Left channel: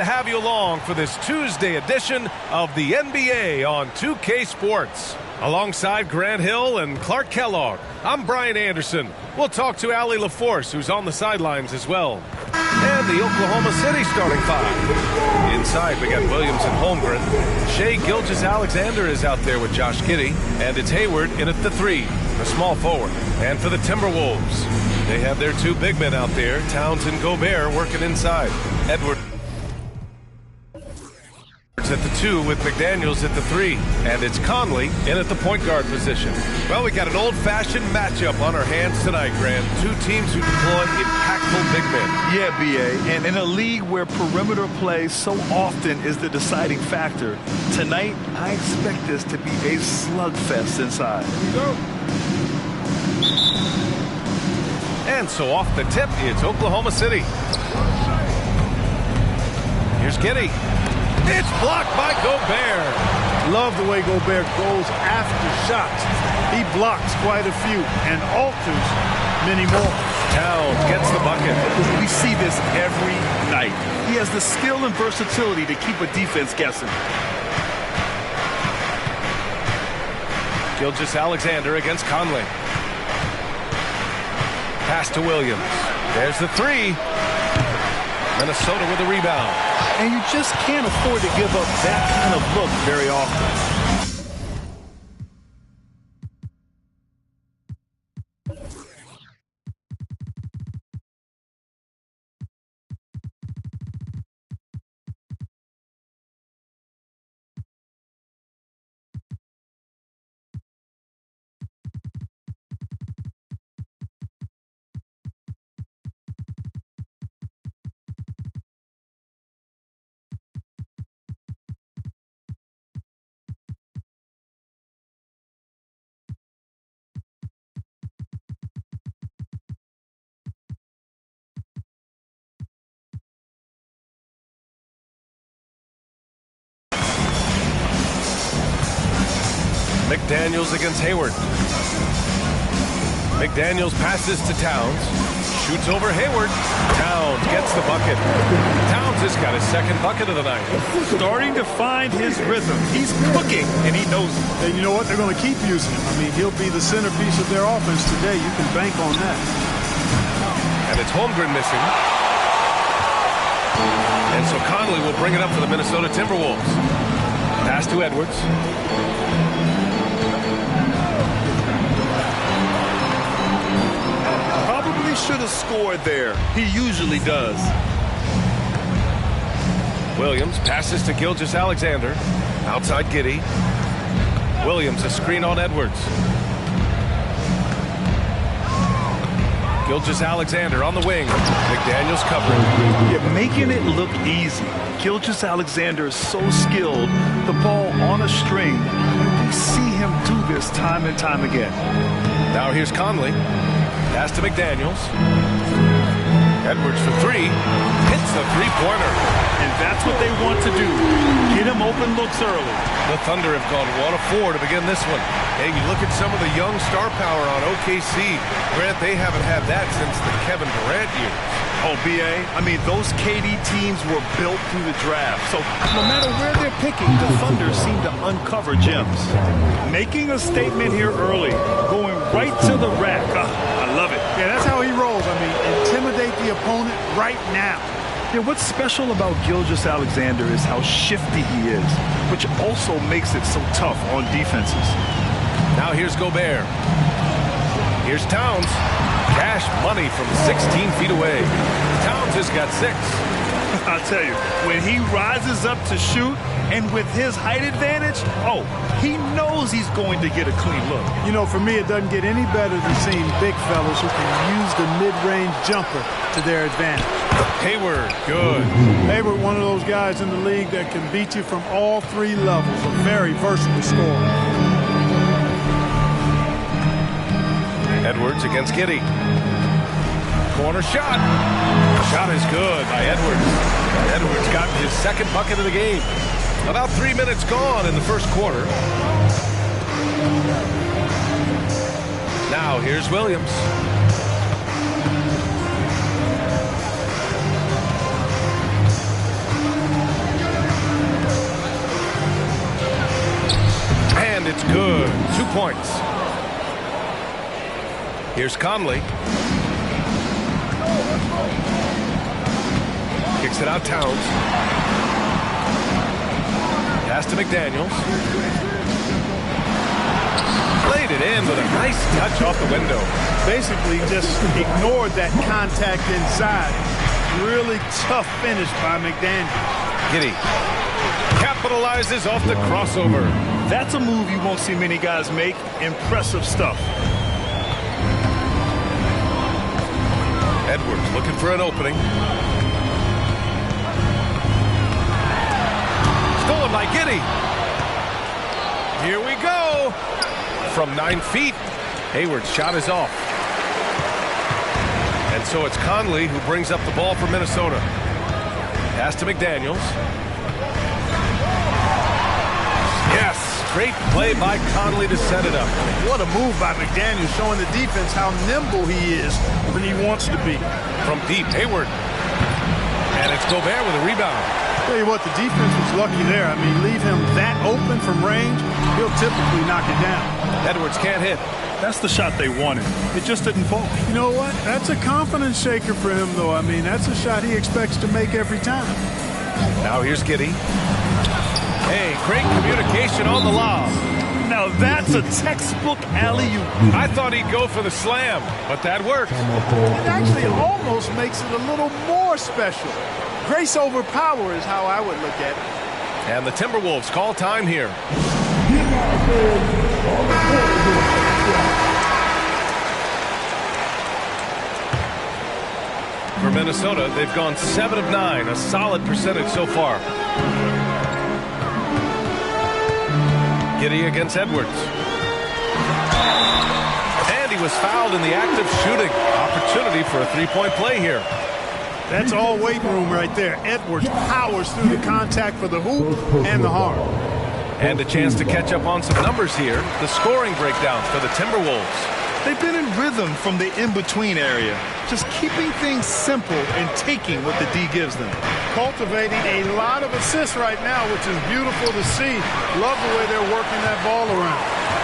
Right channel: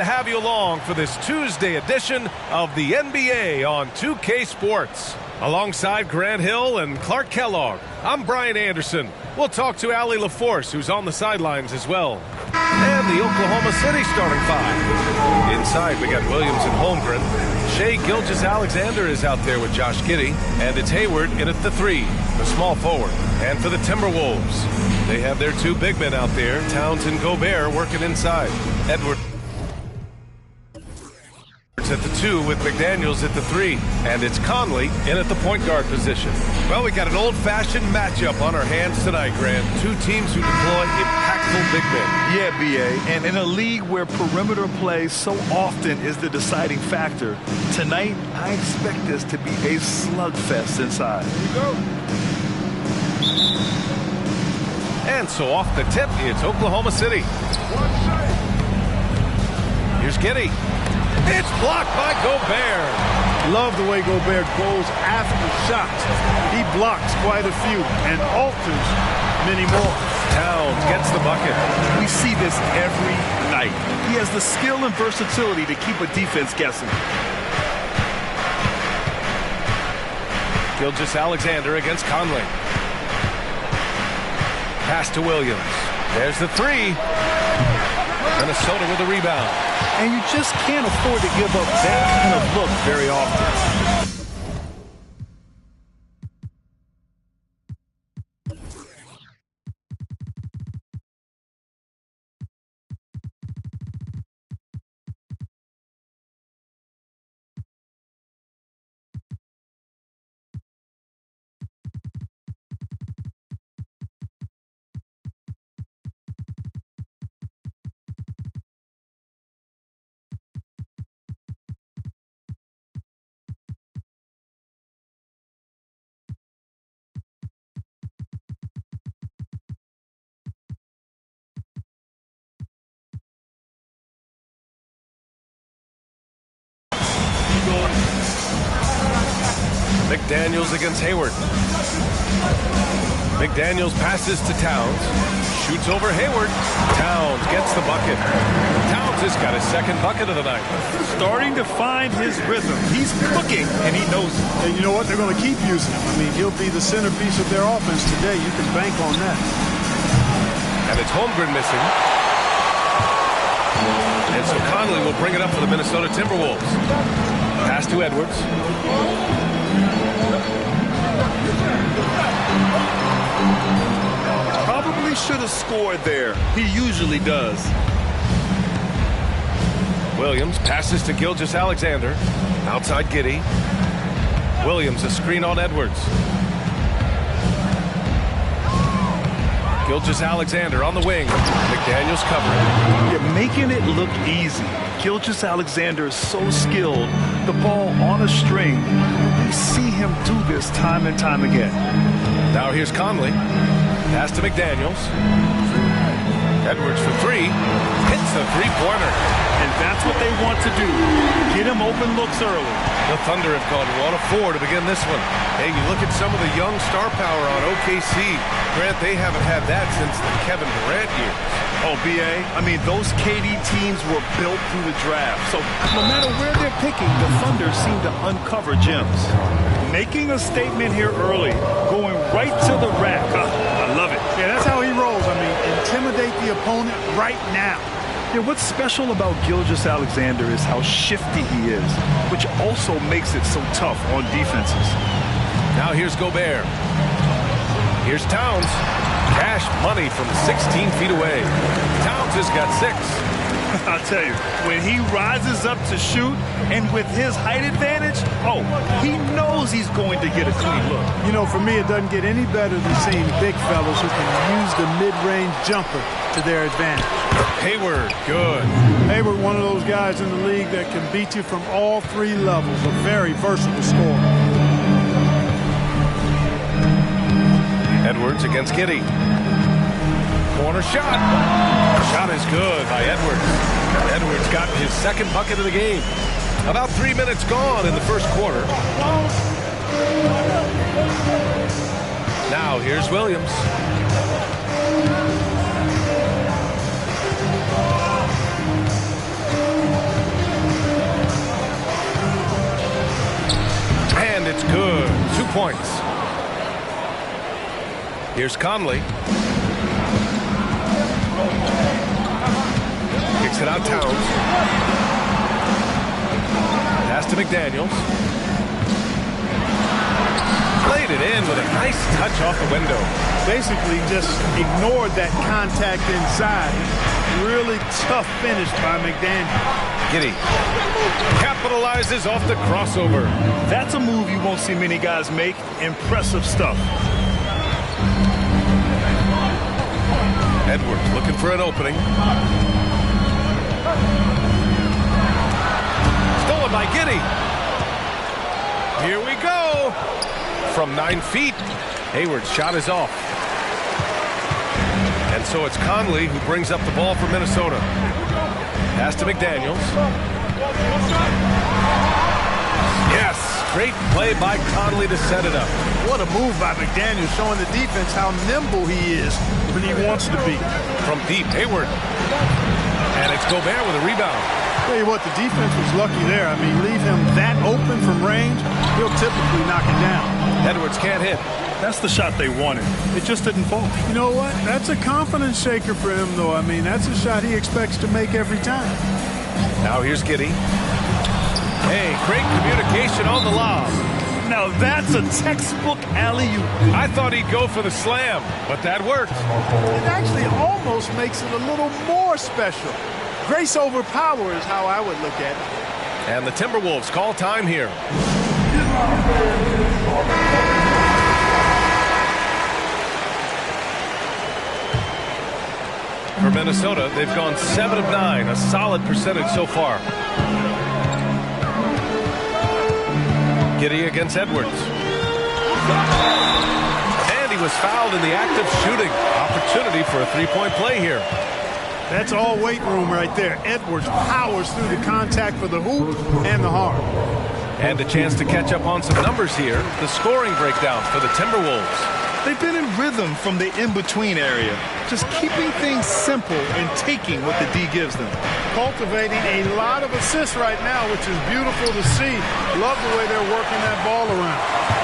To have you along for this Tuesday edition of the NBA on 2K Sports. Alongside Grant Hill and Clark Kellogg, I'm Brian Anderson. We'll talk to Allie LaForce, who's on the sidelines as well. And the Oklahoma City starting five. Inside, we got Williams and Holmgren. Shai Gilgeous-Alexander is out there with Josh Giddey. And it's Hayward in at the three, the small forward. And for the Timberwolves, they have their two big men out there, Towns and Gobert, working inside. Edwards at the two with McDaniels at the three, and it's Conley in at the point guard position. Well, we got an old-fashioned matchup on our hands tonight, Grant. Two teams who deploy impactful big men. Yeah, B.A., and in a league where perimeter play so often is the deciding factor, tonight I expect this to be a slugfest inside. Here we go. And so off the tip, it's Oklahoma City. Here's Giddey. It's blocked by Gobert. Love the way Gobert goes after shots. He blocks quite a few and alters many more. Towns gets the bucket. We see this every night. He has the skill and versatility to keep a defense guessing. Gilgeous-Alexander against Conley. Pass to Williams. There's the three. Minnesota with a rebound. And you just can't afford to give up that kind of look very often. McDaniels against Hayward. McDaniels passes to Towns. Shoots over Hayward. Towns gets the bucket. Towns has got his second bucket of the night. Starting to find his rhythm. He's cooking, and he knows it. And you know what? They're going to keep using him. I mean, he'll be the centerpiece of their offense today. You can bank on that. And it's Holmgren missing. And so Conley will bring it up for the Minnesota Timberwolves. Pass to Edwards. Probably should have scored there. He usually does. Williams passes to Gilgeous-Alexander. Outside Giddey. Williams a screen on Edwards. Gilgeous-Alexander on the wing. McDaniels covering. You're making it look easy. Gilgeous-Alexander is so skilled. The ball on a string. And we see him do this time and time again. Now here's Conley. Pass to McDaniels. Edwards for three. Hits the three-pointer. And that's what they want to do. Get him open looks early. The Thunder have gone 1 of 4 to begin this one. Hey, you look at some of the young star power on OKC. Grant, they haven't had that since the Kevin Durant years. Oh, B.A., I mean, those KD teams were built through the draft. So no matter where they're picking, the Thunder seem to uncover gems. Making a statement here early, going right to the rack. I love it. Yeah, that's how he rolls. I mean, intimidate the opponent right now. Yeah, what's special about Gilgeous-Alexander is how shifty he is, which also makes it so tough on defenses. Now here's Gobert. Here's Towns. Cash money from 16 feet away. Towns has got 6. I'll tell you, when he rises up to shoot, and with his height advantage, oh, he knows he's going to get a clean look. You know, for me, it doesn't get any better than seeing big fellas who can use the mid-range jumper to their advantage. Hayward, good. Hayward, one of those guys in the league that can beat you from all 3 levels, a very versatile scorer. Edwards against Giddey. Corner shot. Shot is good by Edwards. Edwards got his second bucket of the game. About 3 minutes gone in the first quarter. Now here's Williams. it's good. 2 points. Here's Conley. Kicks it out Towns. Pass to McDaniels. Played it in with a nice touch off the window. Basically just ignored that contact inside. Really tough finish by McDaniels. Giddey capitalizes off the crossover. That's a move you won't see many guys make. Impressive stuff. Edwards looking for an opening. Stolen by Giddey. Here we go. From 9 feet, Hayward's shot is off. And so it's Conley who brings up the ball for Minnesota. Pass to McDaniels. Yes, great play by Conley to set it up. What a move by McDaniels, showing the defense how nimble he is when he wants to be. From deep, Hayward. And it's Gobert with a rebound. Tell you what, the defense was lucky there. I mean, leave him that open from range, he'll typically knock it down. Edwards can't hit. That's the shot they wanted. It just didn't fall. You know what? That's a confidence shaker for him, though. I mean, that's a shot he expects to make every time. Now here's Giddey. Hey, great communication on the lob. Now that's a textbook alley-oop. I thought he'd go for the slam, but that worked. It actually almost makes it a little more special. Grace over power is how I would look at it. And the Timberwolves call time here. For Minnesota, they've gone 7 of 9, a solid percentage so far. Giddey against Edwards. And he was fouled in the act of shooting. Opportunity for a three-point play here. That's all weight room right there. Edwards powers through the contact for the hoop and the harm. And a chance to catch up on some numbers here. The scoring breakdown for the Timberwolves. They've been in rhythm from the in-between area, just keeping things simple and taking what the D gives them. Cultivating a lot of assists right now, which is beautiful to see. Love the way they're working that ball around.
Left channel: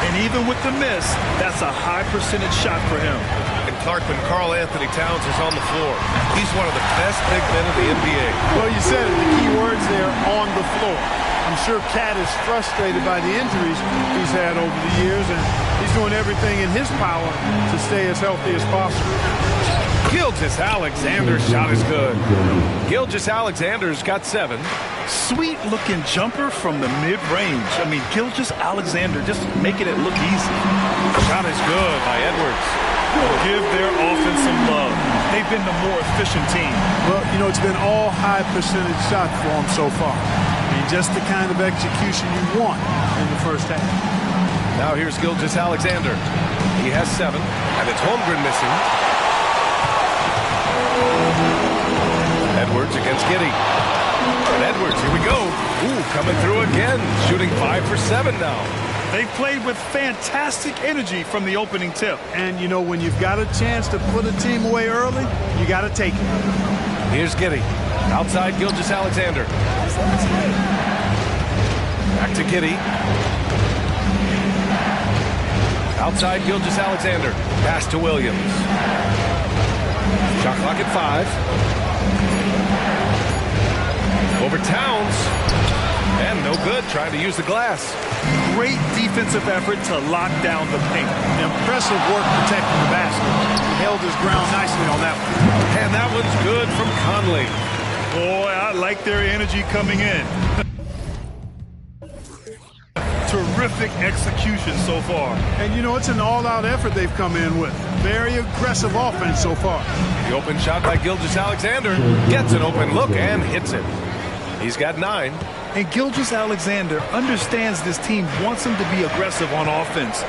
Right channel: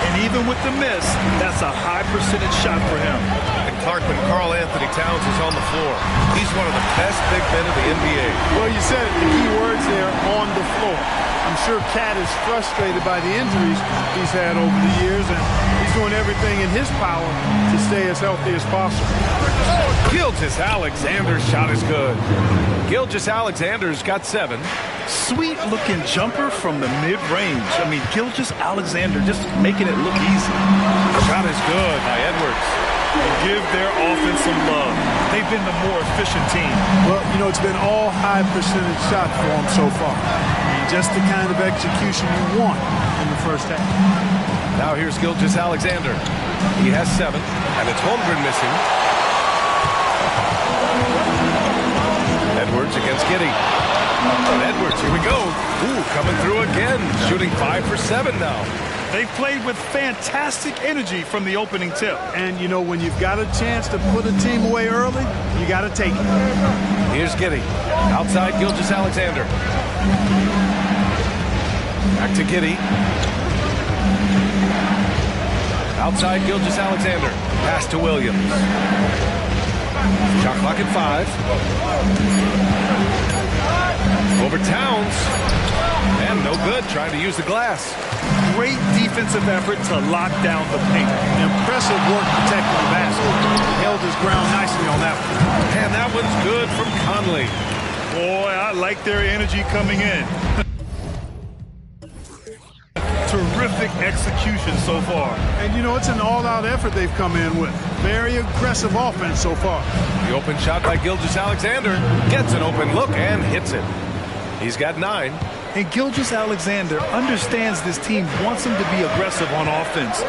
And even with the miss, that's a high percentage shot for him. And Clark, when Karl Anthony Towns is on the floor, he's one of the best big men of the NBA. Well, you said it, the key words there, on the floor. I'm sure Cat is frustrated by the injuries he's had over the years, and he's doing everything in his power to stay as healthy as possible. Gilgeous-Alexander's shot is good. Gilgeous-Alexander's got 7. Sweet-looking jumper from the mid-range. I mean, Gilgeous-Alexander just making it look easy. Shot is good by Edwards. Give their offense some love. They've been the more efficient team. Well, you know, it's been all high percentage shots for them so far. I mean, just the kind of execution you want in the first half. Now here's Gilgeous-Alexander. He has 7, and it's Holmgren missing. Edwards against Giddey. And Edwards, here we go. Ooh, coming through again. Shooting 5 for 7 now. They've played with fantastic energy from the opening tip. And, you know, when you've got a chance to put a team away early, you got to take it. Here's Giddey. Outside Gilgeous-Alexander. Back to Giddey. Outside Gilgeous-Alexander. Pass to Williams. Shot clock at 5. Over Towns. And no good, trying to use the glass. Great defensive effort to lock down the paint. Impressive work protecting the basket. He held his ground nicely on that one. And that one's good from Conley. Boy, I like their energy coming in. Terrific execution so far. And, you know, it's an all-out effort they've come in with. Very aggressive offense so far. The open shot by Gilgeous-Alexander gets an open look and hits it. He's got 9. And Gilgeous-Alexander understands this team wants him to be aggressive on offense.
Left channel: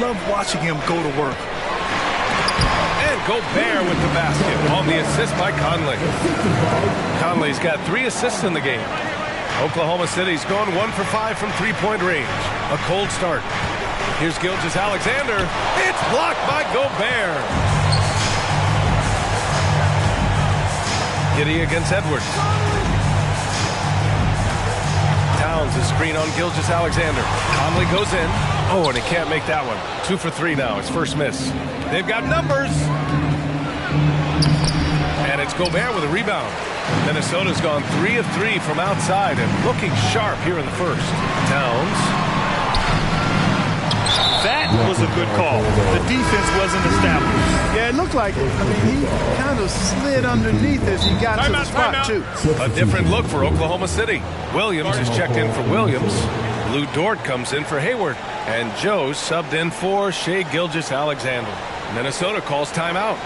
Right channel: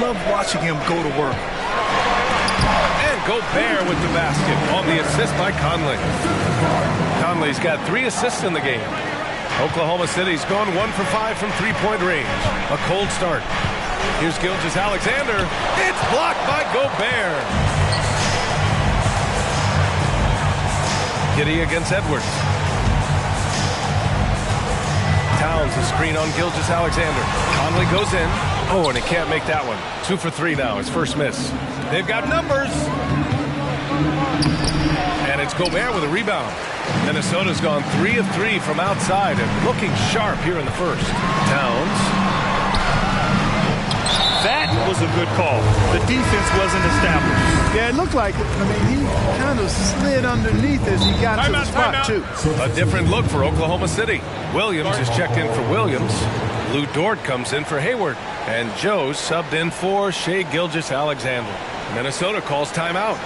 Love watching him go to work. And Gobert with the basket on the assist by Conley. Conley's got 3 assists in the game. Oklahoma City's gone 1 for 5 from three-point range. A cold start. Here's Gilgeous-Alexander. It's blocked by Gobert. Giddey against Edwards. Towns is screen on Gilgeous-Alexander. Conley goes in. Oh, and he can't make that one. 2 for 3 now, his first miss. They've got numbers. And it's Gobert with a rebound. Minnesota's gone 3 of 3 from outside and looking sharp here in the first. Towns. That was a good call. The defense wasn't established. Yeah, it looked like it. I mean, he kind of slid underneath as he got to the spot, too. A different look for Oklahoma City. Williams is checked in for Williams. Lou Dort comes in for Hayward. And Joe subbed in for Shai Gilgeous-Alexander. Minnesota calls timeout.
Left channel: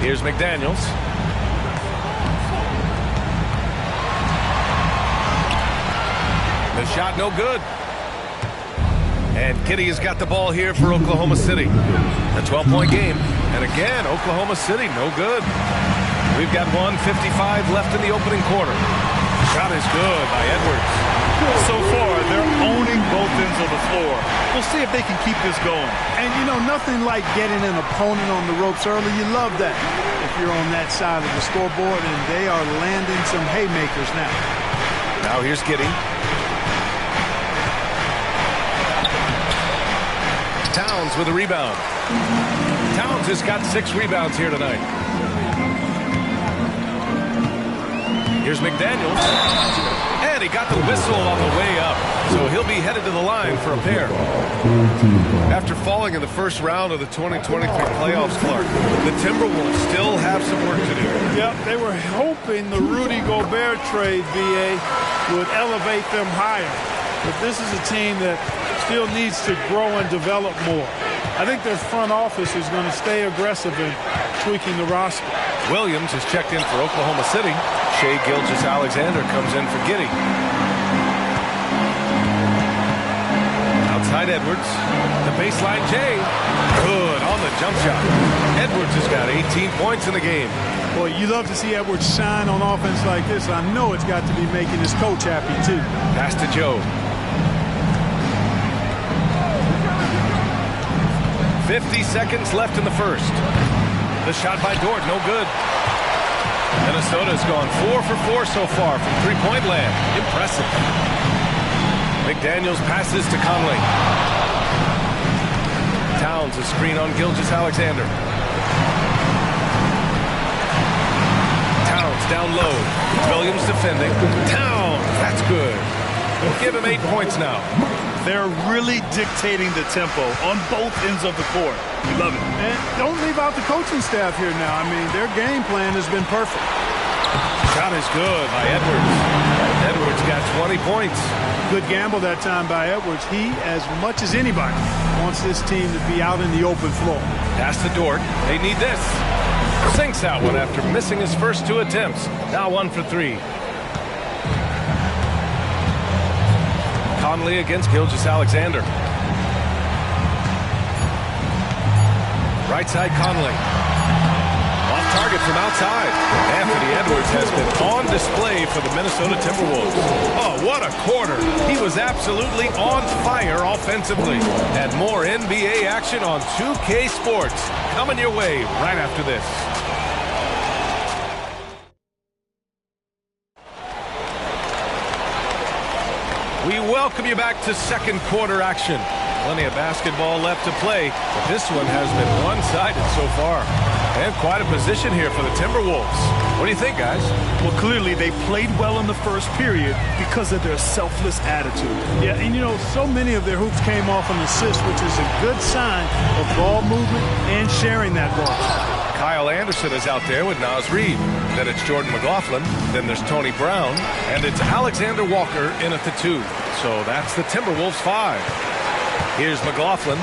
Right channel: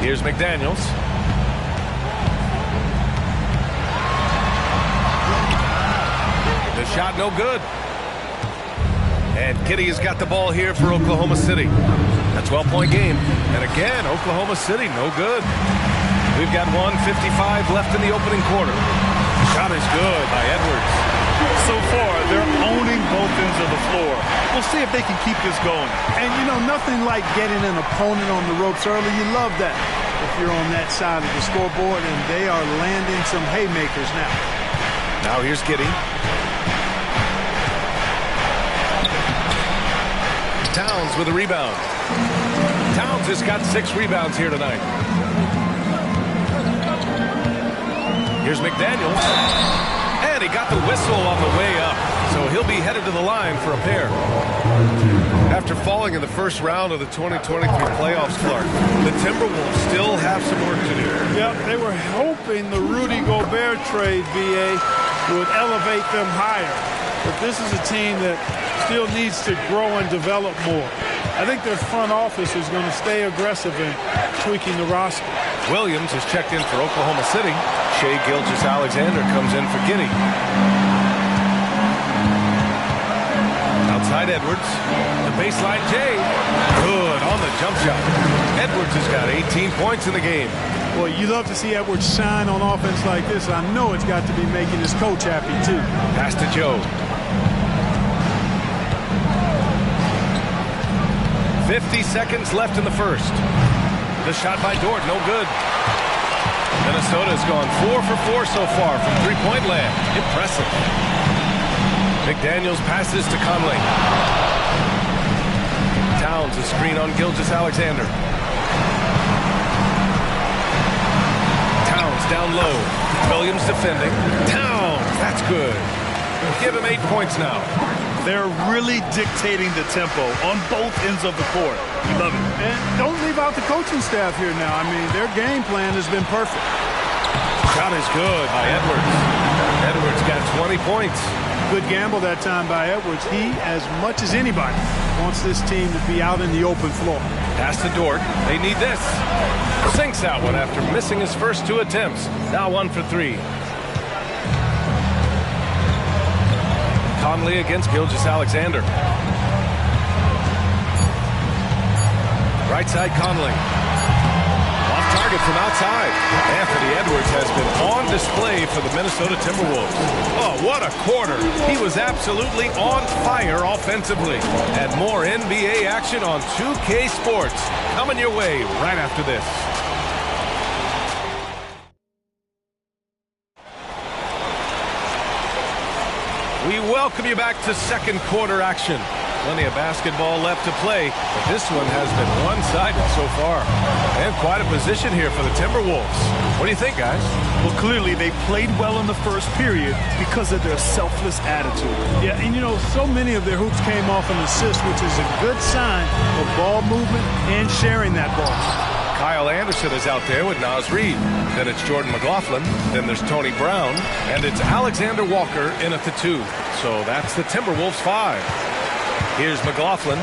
Here's McDaniels. The shot no good. And Kitty has got the ball here for Oklahoma City. A 12-point game. And again, Oklahoma City no good. We've got 1:55 left in the opening quarter. Shot is good by Edwards. So far, they're owning both ends of the floor. We'll see if they can keep this going. And, you know, nothing like getting an opponent on the ropes early. You love that if you're on that side of the scoreboard, and they are landing some haymakers now. Now here's Giddey. Towns with a rebound. Towns has got 6 rebounds here tonight. Here's McDaniels. And he got the whistle on the way up, so he'll be headed to the line for a pair. After falling in the first round of the 2023 playoffs, Clark, the Timberwolves still have some work to do. Yep, they were hoping the Rudy Gobert trade, BA, would elevate them higher. But this is a team that still needs to grow and develop more. I think their front office is going to stay aggressive in tweaking the roster. Williams is checked in for Oklahoma City. Shai Gilgeous-Alexander comes in for Giddey. Outside Edwards. The baseline Jay. Good on the jump shot. Edwards has got 18 points in the game. Boy, you love to see Edwards shine on offense like this. I know it's got to be making his coach happy, too. Pass to Joe. 50 seconds left in the first. The shot by Dort, no good. Minnesota's gone 4 for 4 so far from three-point land. Impressive. McDaniels passes to Conley. Towns a screen on Gilgeous-Alexander. Towns down low. Williams defending. Towns, that's good. We'll give him 8 points now. They're really dictating the tempo on both ends of the court. We love it. And don't leave out the coaching staff here now. I mean, their game plan has been perfect. Shot is good by Edwards. Edwards got 20 points. Good gamble that time by Edwards. He, as much as anybody, wants this team to be out in the open floor. Pass to Dort. They need this. Sinks that one after missing his first 2 attempts. Now 1 for 3. Conley against Gilgeous-Alexander. Right side Conley. Off target from outside. Anthony Edwards has been on display for the Minnesota Timberwolves. Oh, what a quarter. He was absolutely on fire offensively. And more NBA action on 2K Sports coming your way right after this. We welcome you back to second quarter action. Plenty of basketball left to play, but this one has been one-sided so far. And quite a position here for the Timberwolves. What do you think, guys? Well, clearly they played well in the first period because of their selfless attitude. Yeah, and you know, so many of their hoops came off an assist, which is a good sign of ball movement and sharing that ball. Kyle Anderson is out there with Naz Reid. Then it's Jordan McLaughlin. Then there's Tony Brown. And it's Alexander Walker in at the 2. So that's the Timberwolves 5. Here's McLaughlin.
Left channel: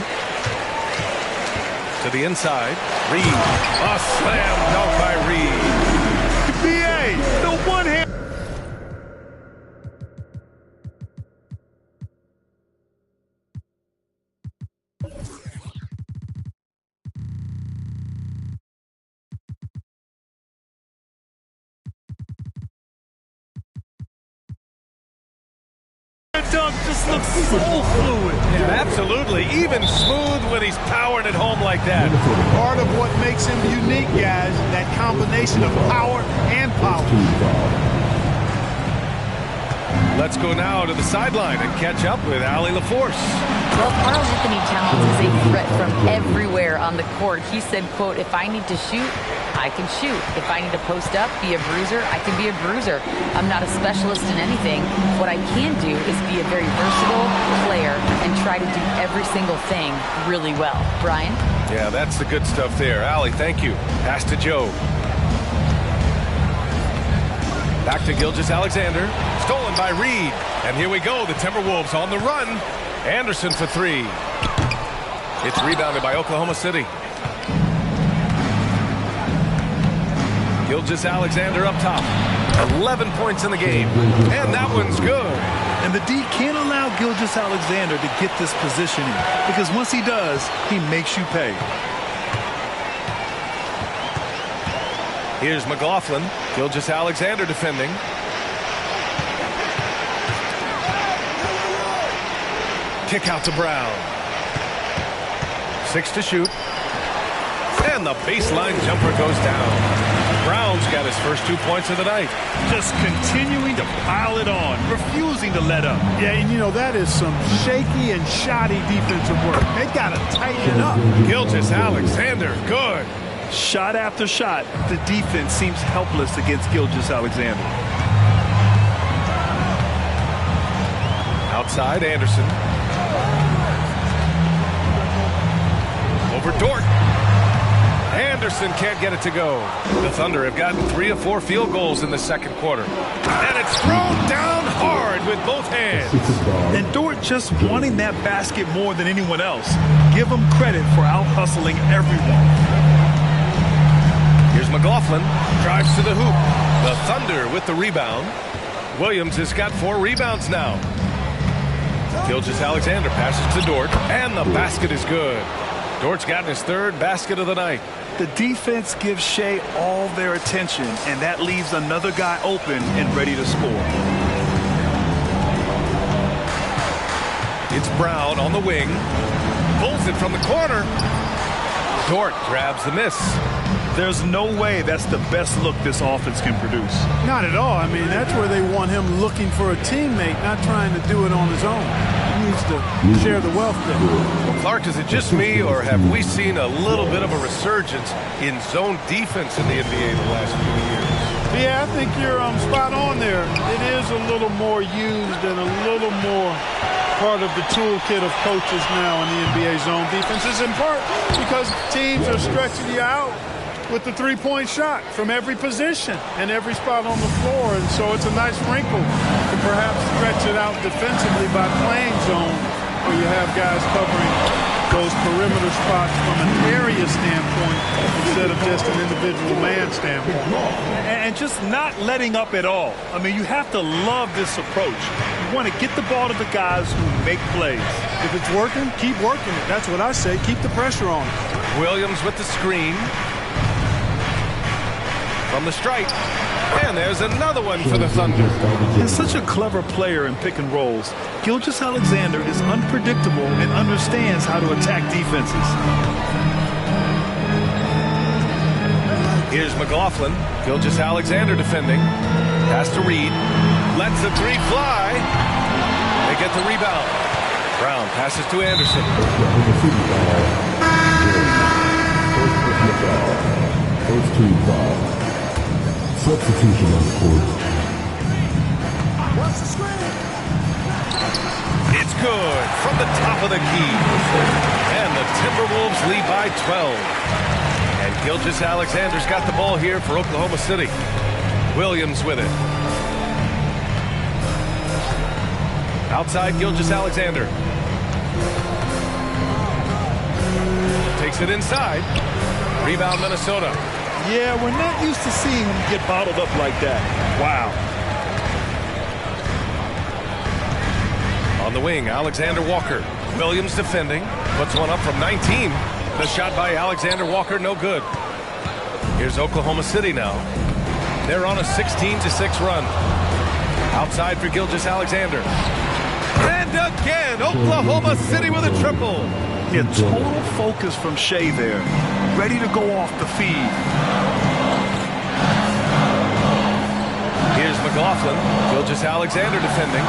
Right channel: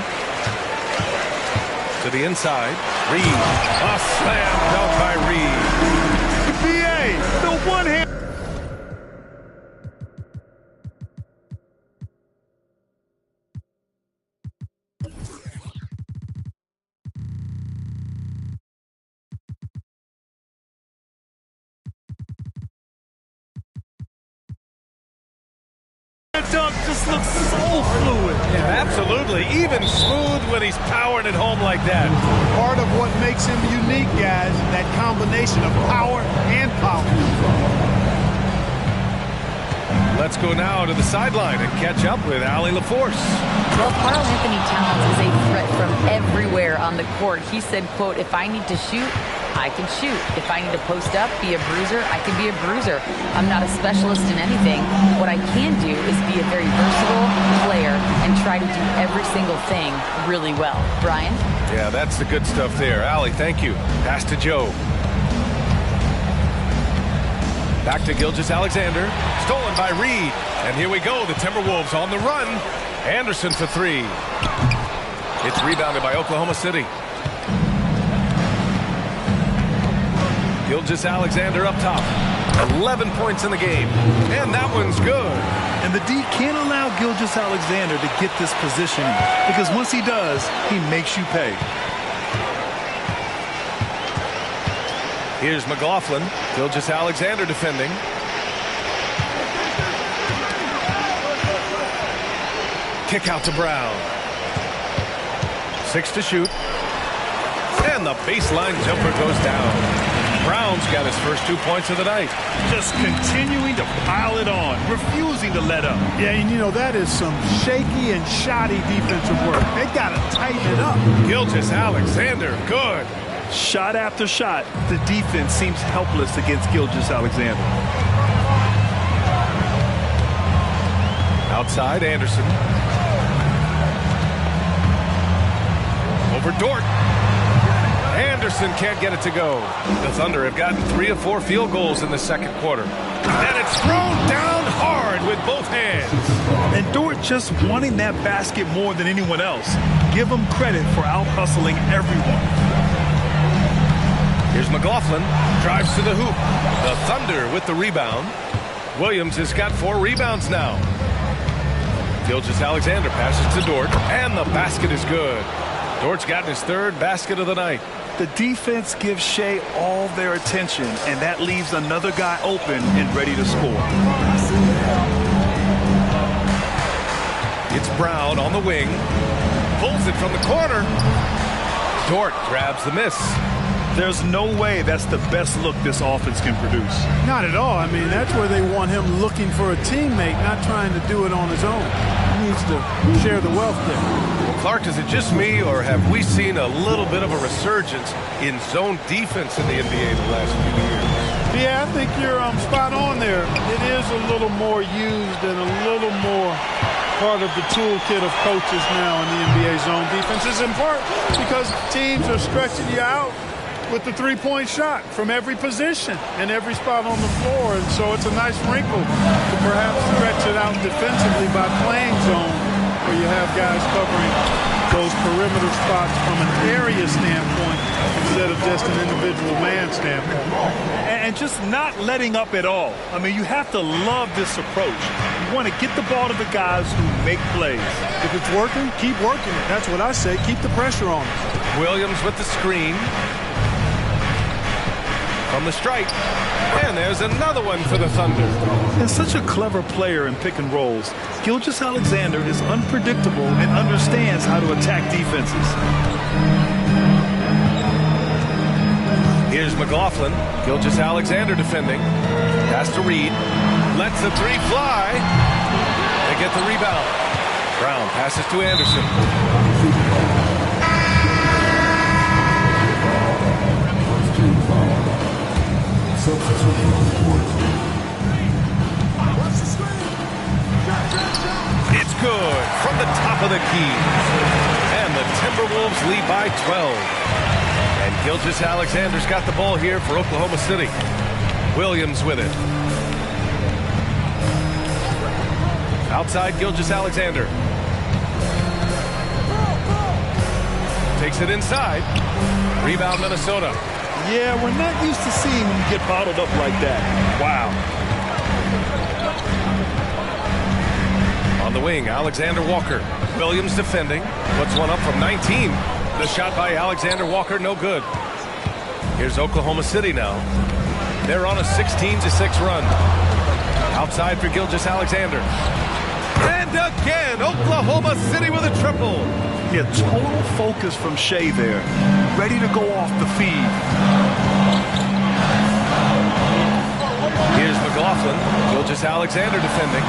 To the inside. Reid. A slam dunk by Reid. BA, the one-hand. That dunk just looks so fluid. Yeah, absolutely. Even smooth when he's powering it home like that. Part of what makes him unique, guys, that combination of power and polish. Let's go now to the sideline and catch up with Allie LaForce. Well, Karl Anthony Towns is a threat from everywhere on the court. He said, quote, if I need to shoot, I can shoot. If I need to post up, be a bruiser, I can be a bruiser. I'm not a specialist in anything. What I can do is be a very versatile player and try to do every single thing really well. Brian? Yeah, that's the good stuff there. Allie, thank you. Pass to Joe. Back to Gilgeous-Alexander. Stolen by Reed. And here we go. The Timberwolves on the run. Anderson for three. It's rebounded by Oklahoma City. Gilgeous-Alexander up top. 11 points in the game. And that one's good. And the D can't allow Gilgeous-Alexander to get this positioning, because once he does, he makes you pay. Here's McLaughlin. Gilgeous-Alexander defending. Kick out to Brown. 6 to shoot. And the baseline jumper goes down. Brown's got his first 2 points of the night. Just continuing to pile it on, refusing to let up. Yeah, and you know, that is some shaky and shoddy defensive work. They got to tighten it up. Gilgeous-Alexander, good. Shot after shot, the defense seems helpless against Gilgeous-Alexander. Outside, Anderson. Over Dort. Anderson can't get it to go. The Thunder have gotten 3 of 4 field goals in the second quarter. And it's thrown down hard with both hands. And Dort just wanting that basket more than anyone else. Give him credit for out-hustling everyone. Here's McLaughlin. Drives to the hoop. The Thunder with the rebound. Williams has got 4 rebounds now. Gilgeous-Alexander passes to Dort. And the basket is good. Dort's gotten his 3rd basket of the night. The defense gives Shea all their attention, and that leaves another guy open and ready to score. It's Brown on the wing. Pulls it from the corner. Dort grabs the miss. There's no way that's the best look this offense can produce. Not at all. I mean, that's where they want him looking for a teammate, not trying to do it on his own. He needs to share the wealth there. Well, Clark, is it just me, or have we seen a little bit of a resurgence in zone defense in the NBA the last few years? Yeah, I think you're spot on there. It is a little more used and a little more part of the toolkit of coaches now in the NBA zone defense, is in part because teams are stretching you out with the three-point shot from every position and every spot on the floor. And so it's a nice wrinkle to perhaps stretch it out defensively by playing zone, where you have guys covering those perimeter spots from an area standpoint instead of just an individual man standpoint. And just not letting up at all. I mean, you have to love this approach. You want to get the ball to the guys who make plays. If it's working, keep working it. That's what I say. Keep the pressure on it. Williams with the screen. From the stripe. And there's another one for the Thunder. And such a clever player in pick and rolls, Gilgeous-Alexander is unpredictable and understands how to attack defenses. Here's McLaughlin. Gilgeous-Alexander defending. Pass to Reed. Lets the 3 fly. They get the rebound. Brown passes to Anderson. First team foul. Substitution on the court. Watch the screen. It's good from the top of the key. And the Timberwolves lead by 12. And Gilgeous-Alexander's got the ball here for Oklahoma City. Williams with it. Outside Gilgeous-Alexander. Takes it inside. Rebound Minnesota. Yeah, we're not used to seeing him get bottled up like that. Wow. On the wing, Alexander Walker. Williams defending. Puts one up from 19. The shot by Alexander Walker, no good. Here's Oklahoma City now. They're on a 16-6 run. Outside for Gilgeous-Alexander. And again, Oklahoma City with a triple. Yeah, total focus from Shea there. Ready to go off the feed. Here's McLaughlin. Gilgeous-Alexander defending.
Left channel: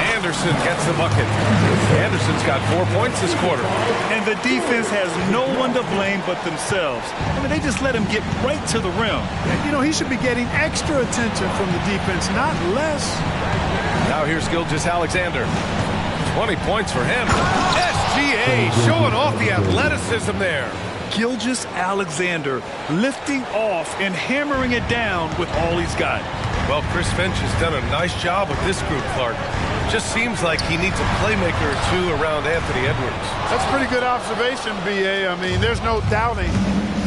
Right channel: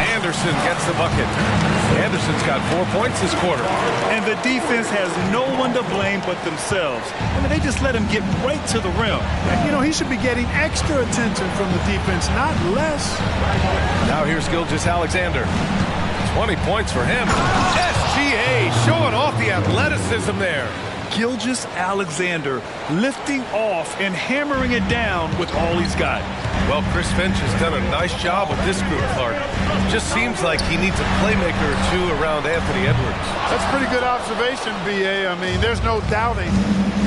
Anderson gets the bucket. Anderson's got 4 points this quarter. And the defense has no one to blame but themselves. I mean, they just let him get right to the rim. You know, he should be getting extra attention from the defense, not less. Now here's Gilgeous-Alexander. 20 points for him. SGA showing off the athleticism there. Gilgeous-Alexander lifting off and hammering it down with all he's got. Well, Chris Finch has done a nice job with this group, Clark. Just seems like he needs a playmaker or two around Anthony Edwards. That's a pretty good observation, B.A. I mean, there's no doubting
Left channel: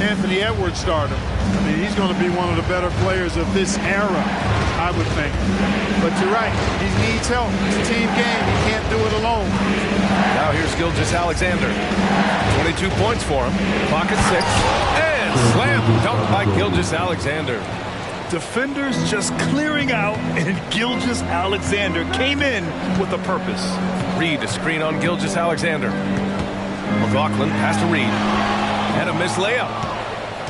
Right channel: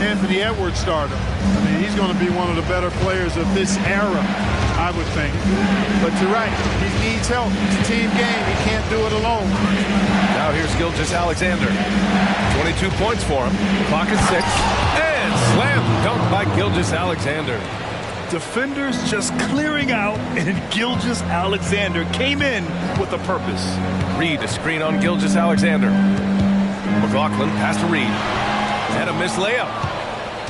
Anthony Edwards stardom. I mean, he's going to be one of the better players of this era, I would think. But you're right. He needs help. It's a team game. He can't do it alone. Now here's Gilgeous-Alexander. 22 points for him. Clock at 6. And slam dunk by Gilgeous-Alexander. Defenders just clearing out, and Gilgeous-Alexander came in with a purpose. Reed, a screen on Gilgeous-Alexander. McLaughlin pass to Reed. And a missed layup.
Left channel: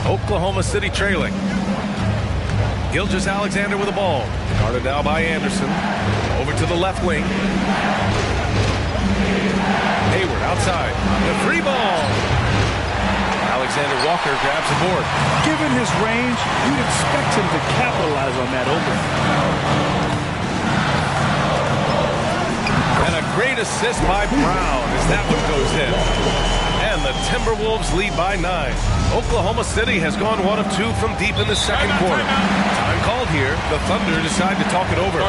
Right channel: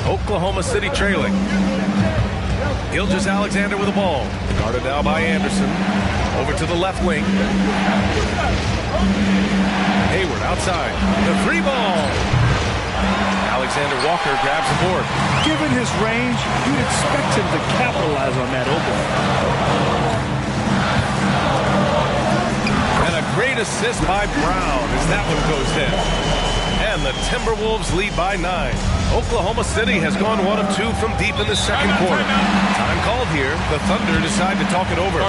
Oklahoma City trailing. Gilgeous-Alexander with the ball. Guarded now by Anderson. Over to the left wing. Hayward outside. The three ball. Alexander Walker grabs the board. Given his range, you'd expect him to capitalize on that opening. And a great assist by Brown as that one goes in. And the Timberwolves lead by 9. Oklahoma City has gone 1 of 2 from deep in the second quarter. Time called here. The Thunder decide to talk it over.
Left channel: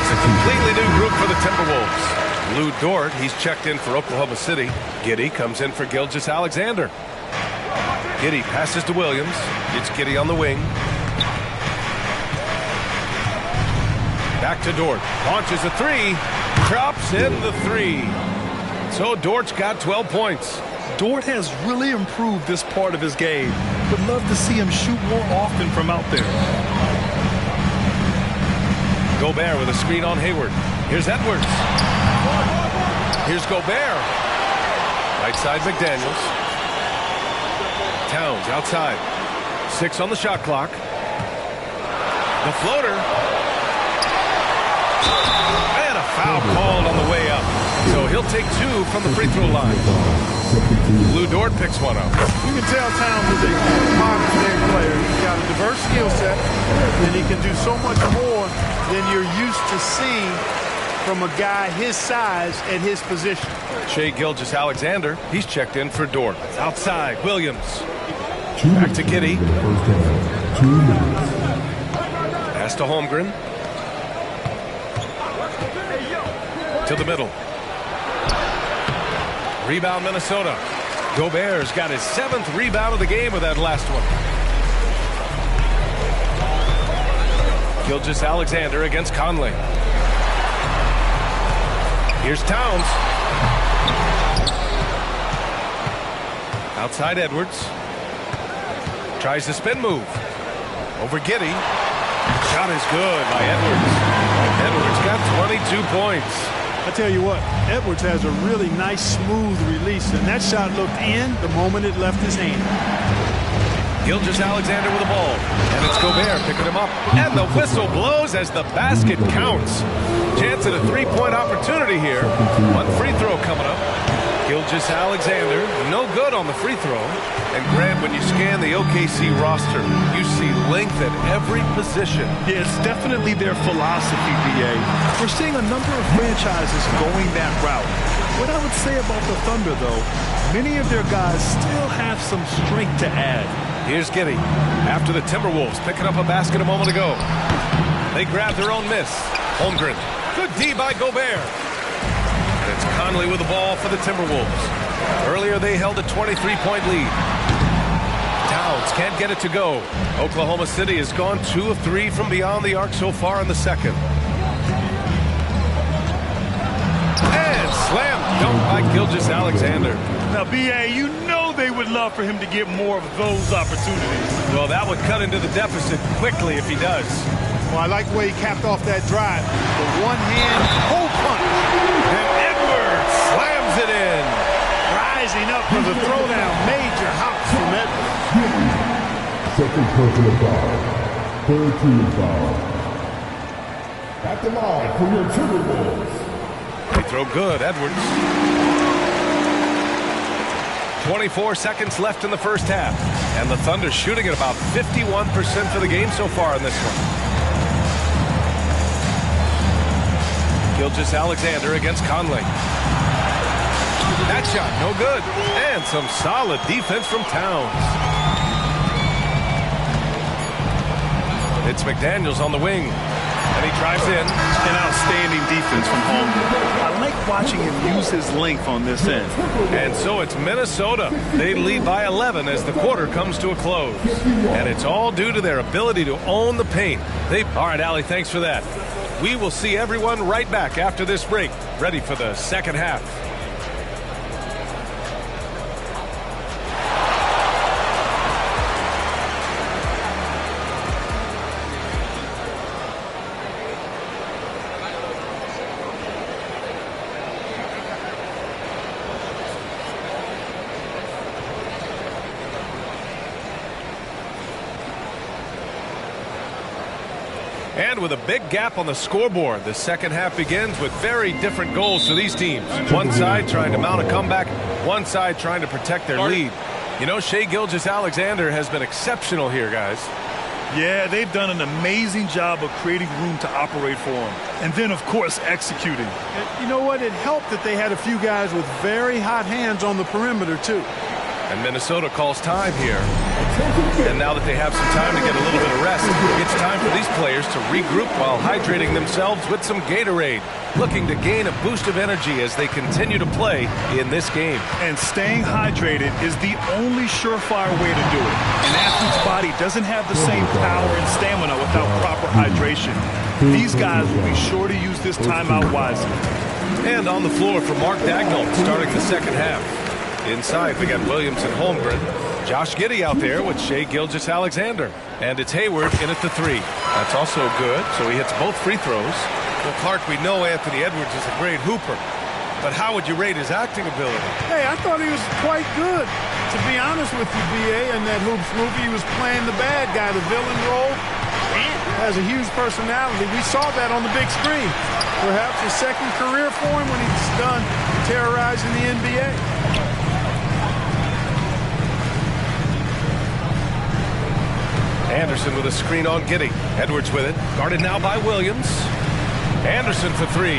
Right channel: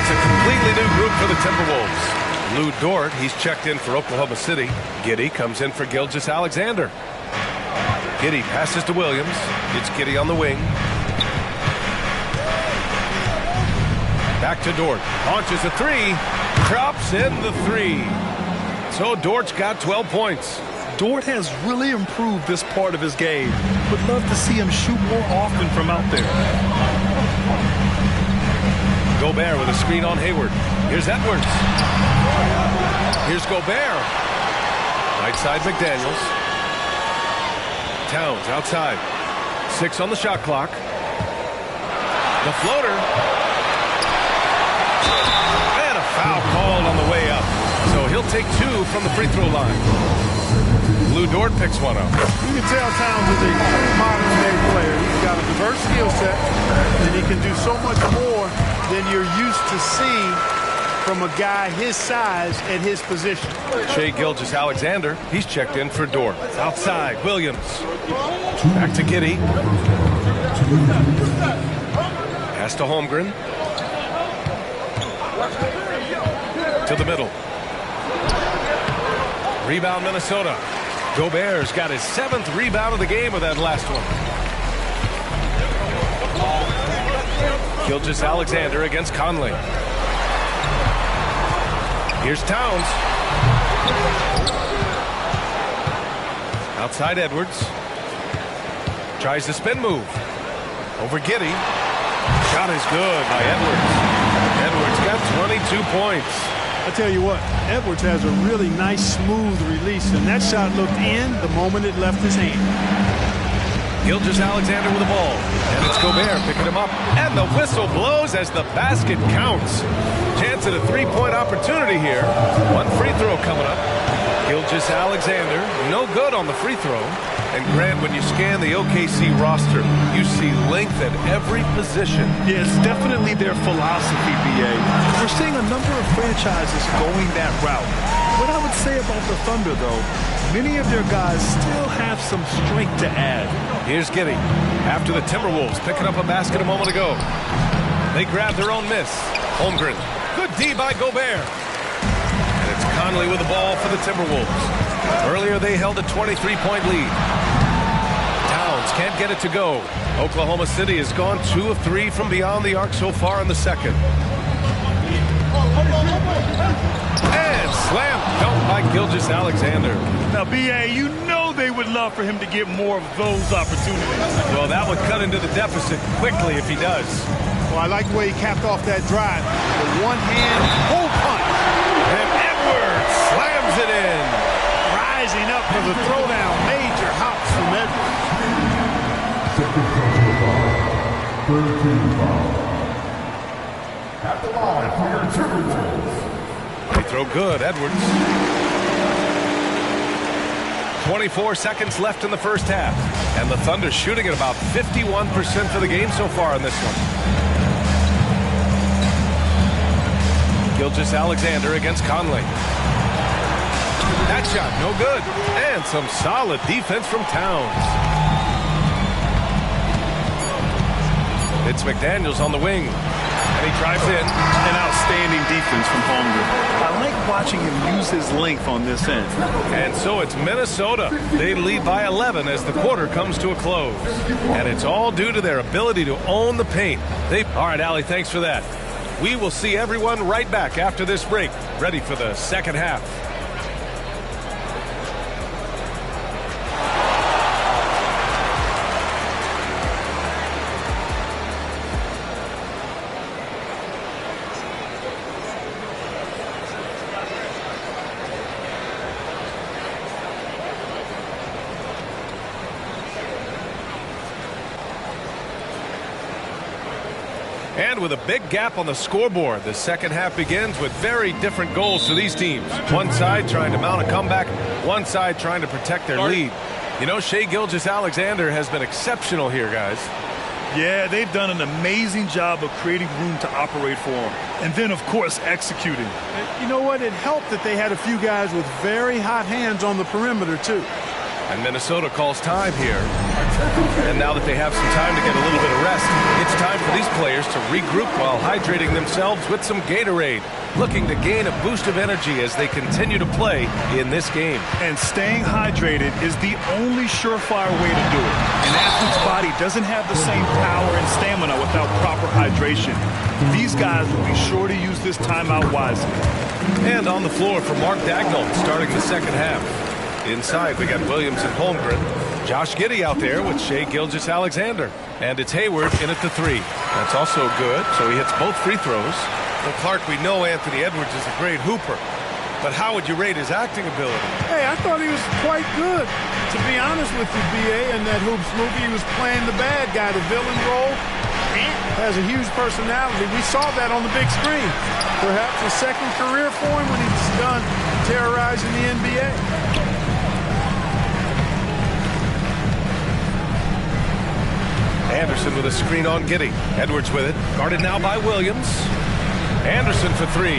It's a completely new group for the Timberwolves. Lou Dort, he's checked in for Oklahoma City. Giddey comes in for Gilgeous-Alexander. Giddey passes to Williams. It's Giddey on the wing. Back to Dort. Launches a three. Drops in the three. So Dort's got 12 points. Dort has really improved this part of his game. Would love to see him shoot more often from out there. Gobert with a screen on Hayward. Here's Edwards. Here's Gobert. Right side McDaniels. Towns outside. 6 on the shot clock. The floater. And a foul called on the way up. So he'll take 2 from the free throw line. Lou Dort picks one up. You can tell Towns is a modern-day player. He's got a diverse skill set, and he can do so much more than you're used to seeing from a guy his size at his position. Shea Gilgeous-Alexander, he's checked in for Dort. Outside, Williams. Back to Giddey. Pass to Holmgren. To the middle. Rebound, Minnesota. Gobert's got his 7th rebound of the game with that last one. Gilgeous-Alexander against Conley. Here's Towns. Outside Edwards. Tries the spin move. Over Giddey. Shot is good by Edwards. Edwards got 22 points. I tell you what, Edwards has a really nice, smooth release, and that shot looked in the moment it left his hand. Gilgeous-Alexander with the ball, and it's Gobert picking him up, and the whistle blows as the basket counts. Chance at a three-point opportunity here. One free throw coming up. Gilgeous-Alexander, no good on the free throw. And Grant, when you scan the OKC roster, you see length at every position. Yeah, it's definitely their philosophy, B.A. We're seeing a number of franchises going that route. What I would say about the Thunder, though, many of their guys still have some strength to add. Here's Giddey after the Timberwolves picking up a basket a moment ago. They grab their own miss. Holmgren. Good D by Gobert. And it's Conley with the ball for the Timberwolves. Earlier they held a 23-point lead. Towns Edwards can't get it to go. Oklahoma City has gone 2 of 3 from beyond the arc so far in the second. And slam dunk by Gilgeous-Alexander. Now, B.A., you know they would love for him to get more of those opportunities. Well, that would cut into the deficit quickly if he does. Well, I like the way he capped off that drive. The one-hand hole punch. And Edwards slams it in. Rising up for the throwdown. Major hops from Edwards. Second personal foul. Third team foul. At the line for your Timberwolves. They throw good, Edwards. 24 seconds left in the first half. And the Thunder shooting at about 51% for the game so far in this one. Gilgeous-Alexander against Conley. That shot, no good. And some solid defense from Towns. It's McDaniels on the wing. And he drives in. An outstanding defense from Holmgren. I like watching him use his length on this end. And so it's Minnesota. They lead by 11 as the quarter comes to a close. And it's all due to their ability to own the paint. All right, Allie, thanks for that. We will see everyone right back after this break, ready for the second half. And with a big gap on the scoreboard, the second half begins with very different goals for these teams. One side trying to mount a comeback, one side trying to protect their lead. You know, Shai Gilgeous-Alexander has been exceptional here, guys. Yeah, they've done an amazing job of creating room to operate for him. And then, of course, executing. And you know what? It helped that they had a few guys with very hot hands on the perimeter, too. And Minnesota calls time here. And now that they have some time to get a little bit of rest, it's time for these players to regroup while hydrating themselves with some Gatorade, looking to gain a boost of energy as they continue to play in this game. And staying hydrated is the only surefire way to do it. An athlete's body doesn't have the same power and stamina without proper hydration. These guys will be sure to use this timeout wisely. And on the floor for Mark Daigneault starting the second half. Inside, we got Williams and Holmgren. Josh Giddey out there with Shai Gilgeous-Alexander. And it's Hayward in at the 3. That's also good, so he hits both free throws. Well, Clark, we know Anthony Edwards is a great hooper. But how would you rate his acting ability? Hey, I thought he was quite good. To be honest with you, B.A., in that Hoops movie, he was playing the bad guy, the villain role. Ant has a huge personality. We saw that on the big screen. Perhaps a second career for him when he's done terrorizing the NBA. Anderson with a screen on Giddey. Edwards with it. Guarded now by Williams. Anderson for 3.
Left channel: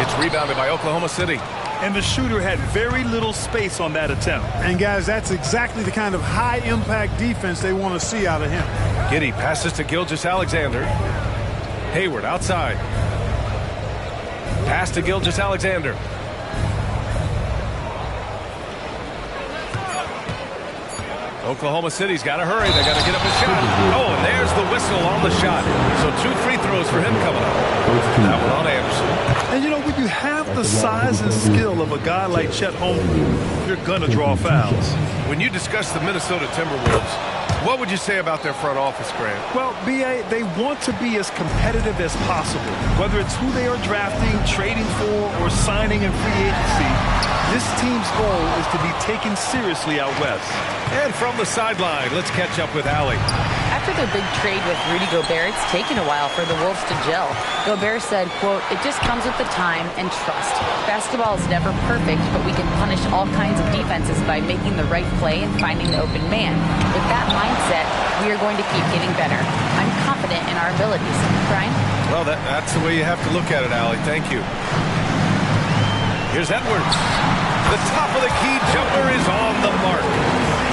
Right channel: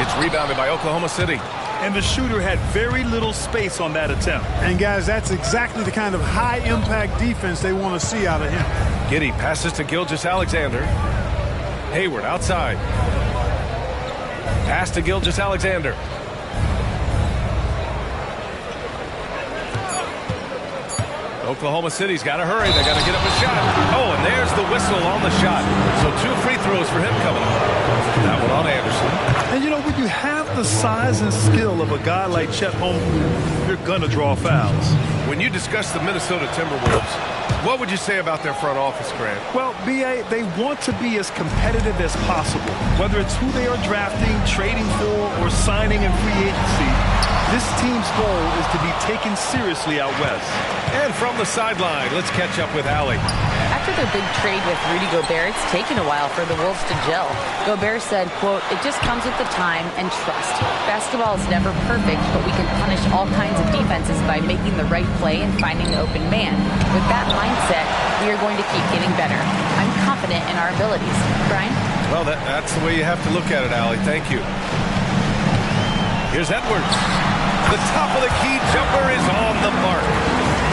It's rebounded by Oklahoma City. And the shooter had very little space on that attempt. And, guys, that's exactly the kind of high-impact defense they want to see out of him. Giddey passes to Gilgeous-Alexander. Hayward outside. Pass to Gilgeous-Alexander. Oklahoma City's got to hurry. They got to get up a shot. Oh, and there's the whistle on the shot. So 2 free throws for him coming up. That one on Anderson. And, you know, when you have the size and skill of a guy like Chet Holmgren, you're going to draw fouls. When you discuss the Minnesota Timberwolves, what would you say about their front office, Grant? Well, B.A., they want to be as competitive as possible. Whether it's who they are drafting, trading for, or signing in free agency, this team's goal is to be taken seriously out west. And from the sideline, let's catch up with Allie. After their big trade with Rudy Gobert, it's taken a while for the Wolves to gel. Gobert said, quote, "It just comes with the time and trust. Basketball is never perfect, but we can punish all kinds of defenses by making the right play and finding the open man. With that mindset, we are going to keep getting better. I'm confident in our abilities." Brian? Well, that's the way you have to look at it, Allie. Thank you. Here's Edwards. The top of the key jumper is on the mark.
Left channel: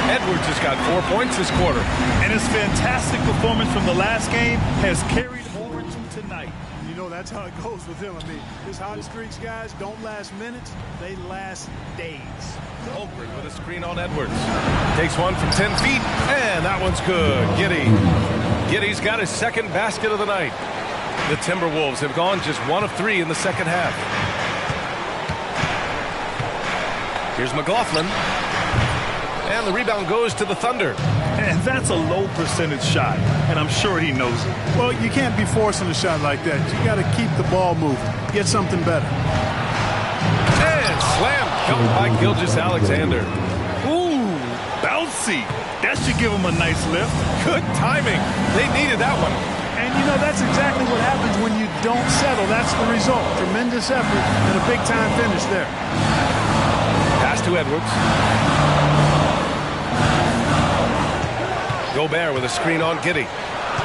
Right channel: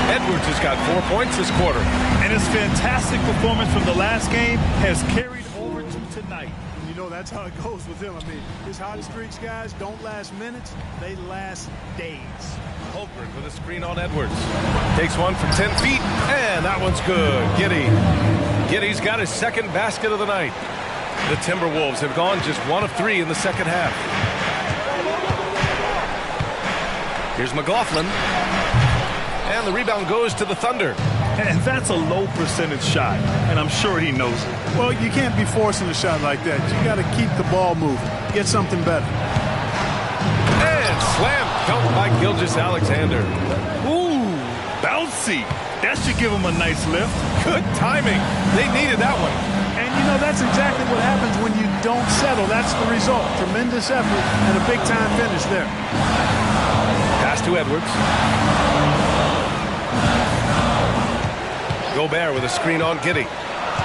Edwards has got 4 points this quarter. And his fantastic performance from the last game has carried over to tonight. you know that's how it goes with him. I mean, his hot streaks, guys, don't last minutes. They last days. Holmgren with a screen on Edwards. Takes one from 10 feet, and that one's good. Giddy's got his second basket of the night. The Timberwolves have gone just 1 of 3 in the second half. Here's McLaughlin. And the rebound goes to the Thunder. And that's a low percentage shot, and I'm sure he knows it. Well, you can't be forcing a shot like that. You got to keep the ball moving. Get something better. And slam dunk by Gilgeous-Alexander. Ooh, bouncy. That should give him a nice lift. Good timing. They needed that one. And, you know, that's exactly what happens when you don't settle. That's the result. Tremendous effort and a big-time finish there. Pass to Edwards. Gobert with a screen on Giddey.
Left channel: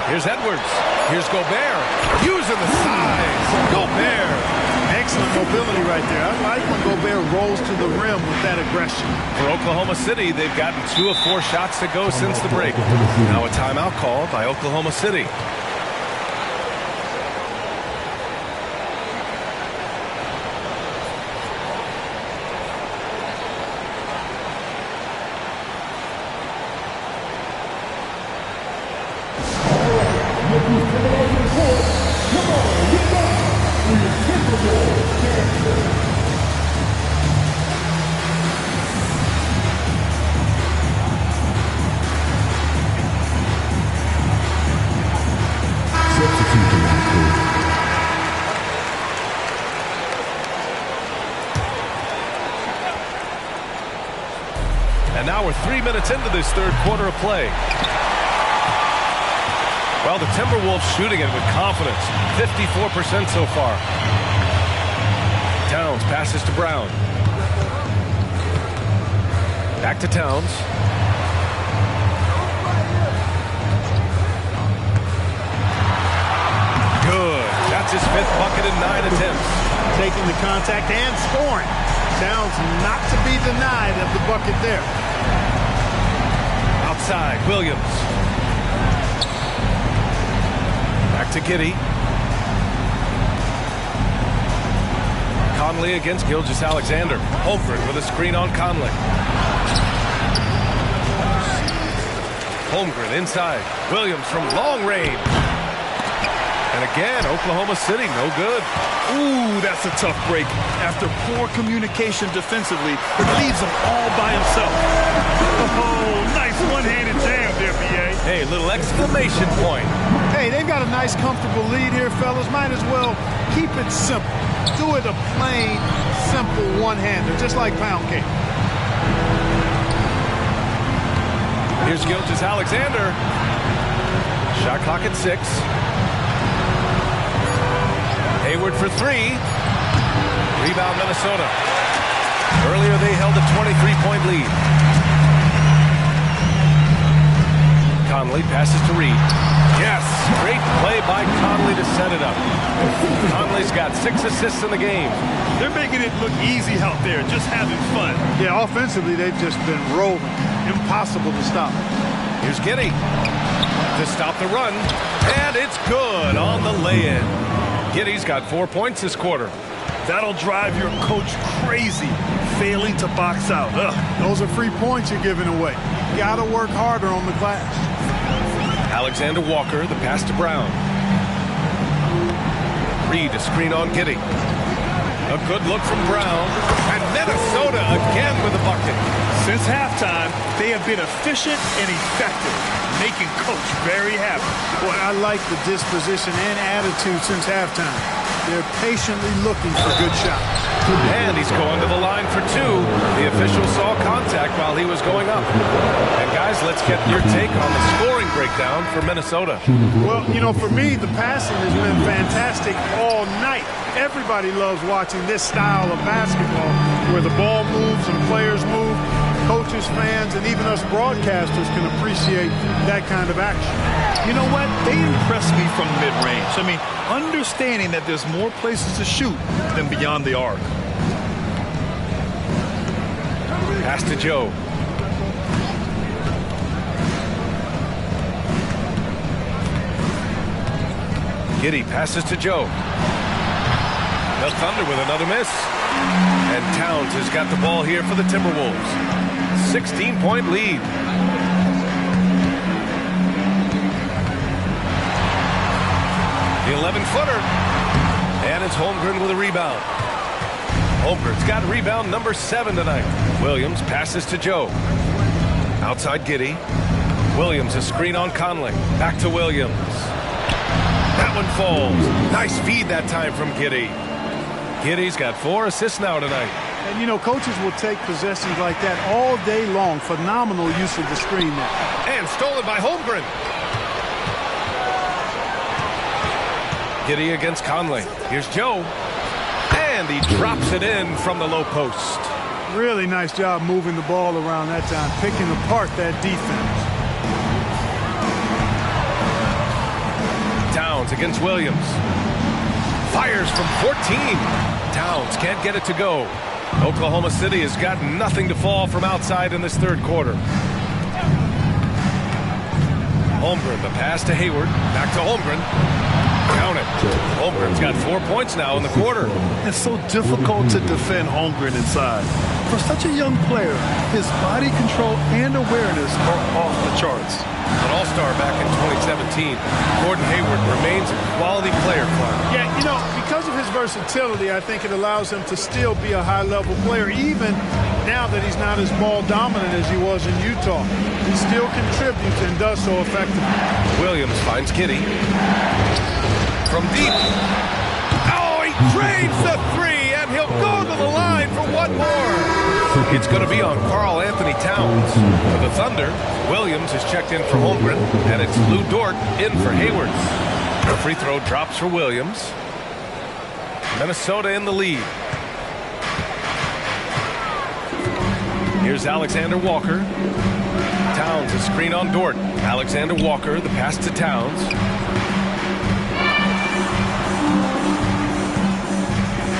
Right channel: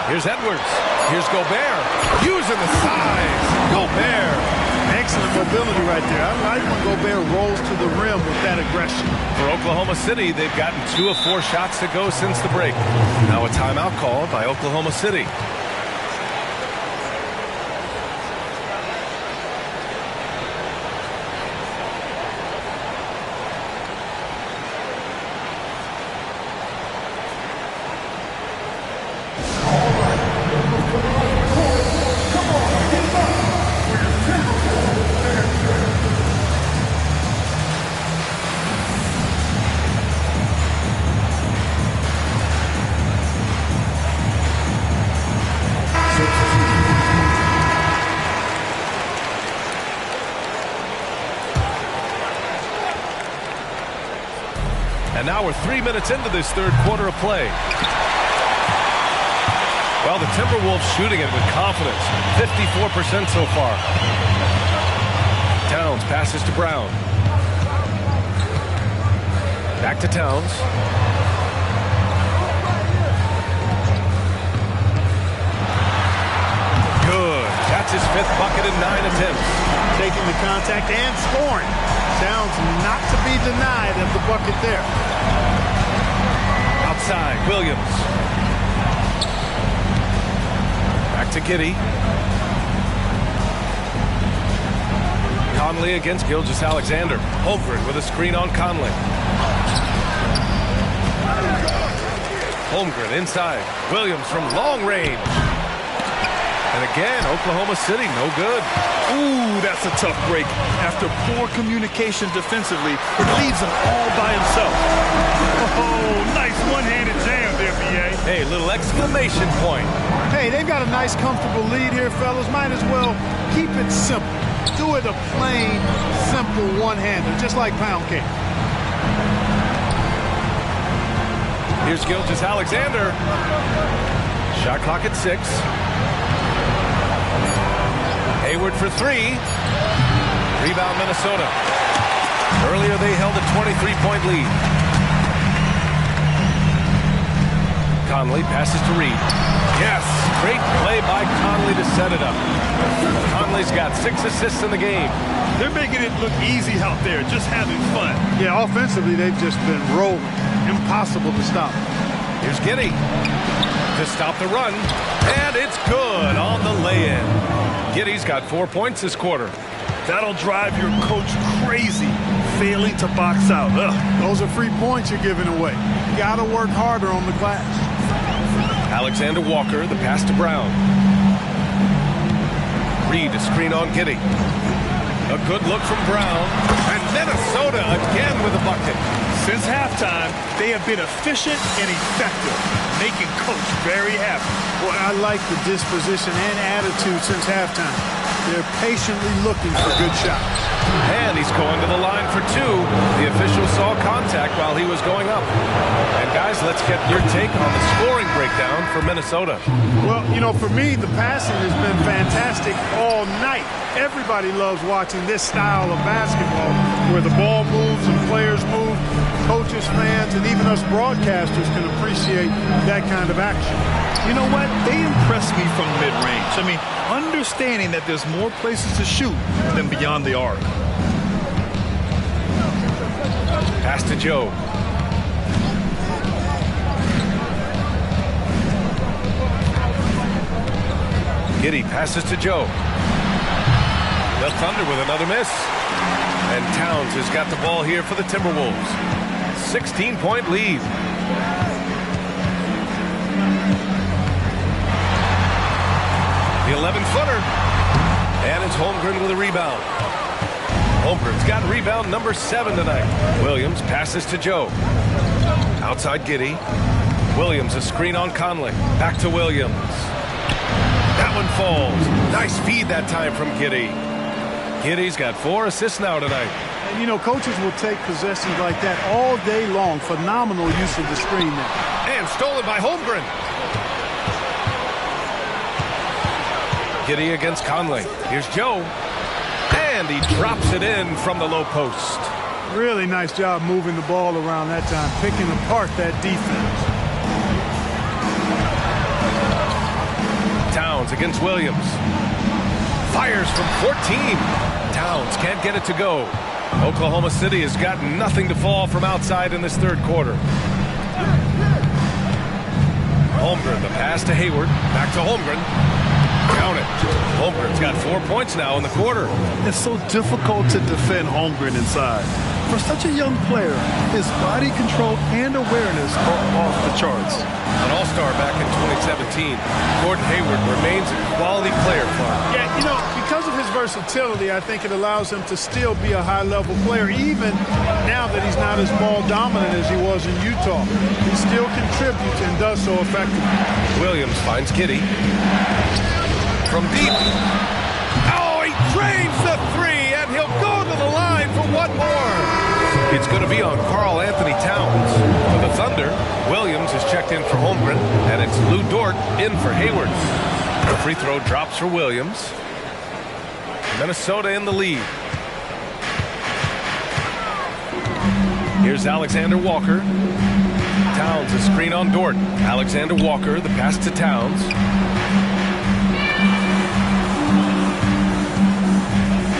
Here's Edwards. Here's Gobert. Using the size. Gobert. Excellent mobility right there. I like when Gobert rolls to the rim with that aggression. For Oklahoma City, they've gotten 2 of 4 shots to go since the break. Now a timeout called by Oklahoma City. And now we're 3 minutes into this third quarter of play. Well, the Timberwolves shooting it with confidence. 54% so far. Towns passes to Brown. Back to Towns. Good. That's his 5th bucket in 9 attempts. Taking the contact and scoring. Towns not to be denied of the bucket there. Outside, Williams. Back to Giddey. Conley against Gilgeous-Alexander. Holmgren with a screen on Conley. Holmgren inside. Williams from long range. And again, Oklahoma City, no good. Ooh, that's a tough break. After poor communication defensively, it leaves him all by himself. Oh, nice one-handed jam there, B.A. Hey, little exclamation point. Hey, they've got a nice, comfortable lead here, fellas. Might as well keep it simple. Do it a plain, simple one-hander, just like pound cake. Here's Gilgeous-Alexander. Shot clock at 6. Hayward for 3. Rebound Minnesota. Earlier they held a 23-point lead. Conley passes to Reed. Yes, great play by Conley to set it up. Conley's got 6 assists in the game. They're making it look easy out there, just having fun. Yeah, offensively they've just been rolling. Impossible to stop. Here's Giddey to stop the run. And it's good on the lay-in. Giddey's got 4 points this quarter. That'll drive your coach crazy, failing to box out. Ugh. Those are free points you're giving away. You got to work harder on the glass. Alexander Walker, the pass to Brown. Reed, a screen on Giddey. A good look from Brown. And Minnesota again with a bucket. Since halftime, they have been efficient and effective, making Coach very happy. Boy, I like the disposition and attitude since halftime. They're patiently looking for good shots. And he's going to the line for 2. The official saw contact while he was going up. And guys, let's get your take on the scoring breakdown for Minnesota. Well, you know, for me, the passing has been fantastic all night. Everybody loves watching this style of basketball where the ball moves and players move. Coaches, fans, and even us broadcasters can appreciate that kind of action. You know what? They impress me from mid-range. I mean, understanding that there's more places to shoot than beyond the arc. Pass to Joe. Giddey passes to Joe. The Thunder with another miss. And Towns has got the ball here for the Timberwolves. 16-point lead. The 11-footer. And it's Holmgren with a rebound. Holmgren's got rebound number 7 tonight. Williams passes to Joe. Outside Giddey. Williams a screen on Conley. Back to Williams. That one falls. Nice feed that time from Giddey. Giddey's got 4 assists now tonight. And, you know, coaches will take possessions like that all day long. Phenomenal use of the screen there. And stolen by Holmgren. Giddey against Conley. Here's Joe. And he drops it in from the low post. Really nice job moving the ball around that time, picking apart that defense. Towns against Williams. Fires from 14. Towns can't get it to go. Oklahoma City has got nothing to fall from outside in this third quarter. Holmgren, the pass to Hayward. Back to Holmgren. Count it. Holmgren's got 4 points now in the quarter. It's so difficult to defend Holmgren inside. For such a young player, his body control and awareness are off the charts. An all-star back in 2017, Gordon Hayward remains a quality player, Clark. Yeah, you know, because of his versatility, I think it allows him to still be a high-level player, even now that he's not as ball-dominant as he was in Utah. He still contributes and does so effectively. Williams finds Giddey. From deep. Oh, he drains the 3, and he'll go to the line for one more. It's going to be on Karl Anthony Towns. For the Thunder, Williams is checked in for Holmgren, and it's Lou Dort in for Hayward. The free throw drops for Williams. Minnesota in the lead. Here's Alexander Walker. Towns a screen on Dort. Alexander Walker, the pass to Towns.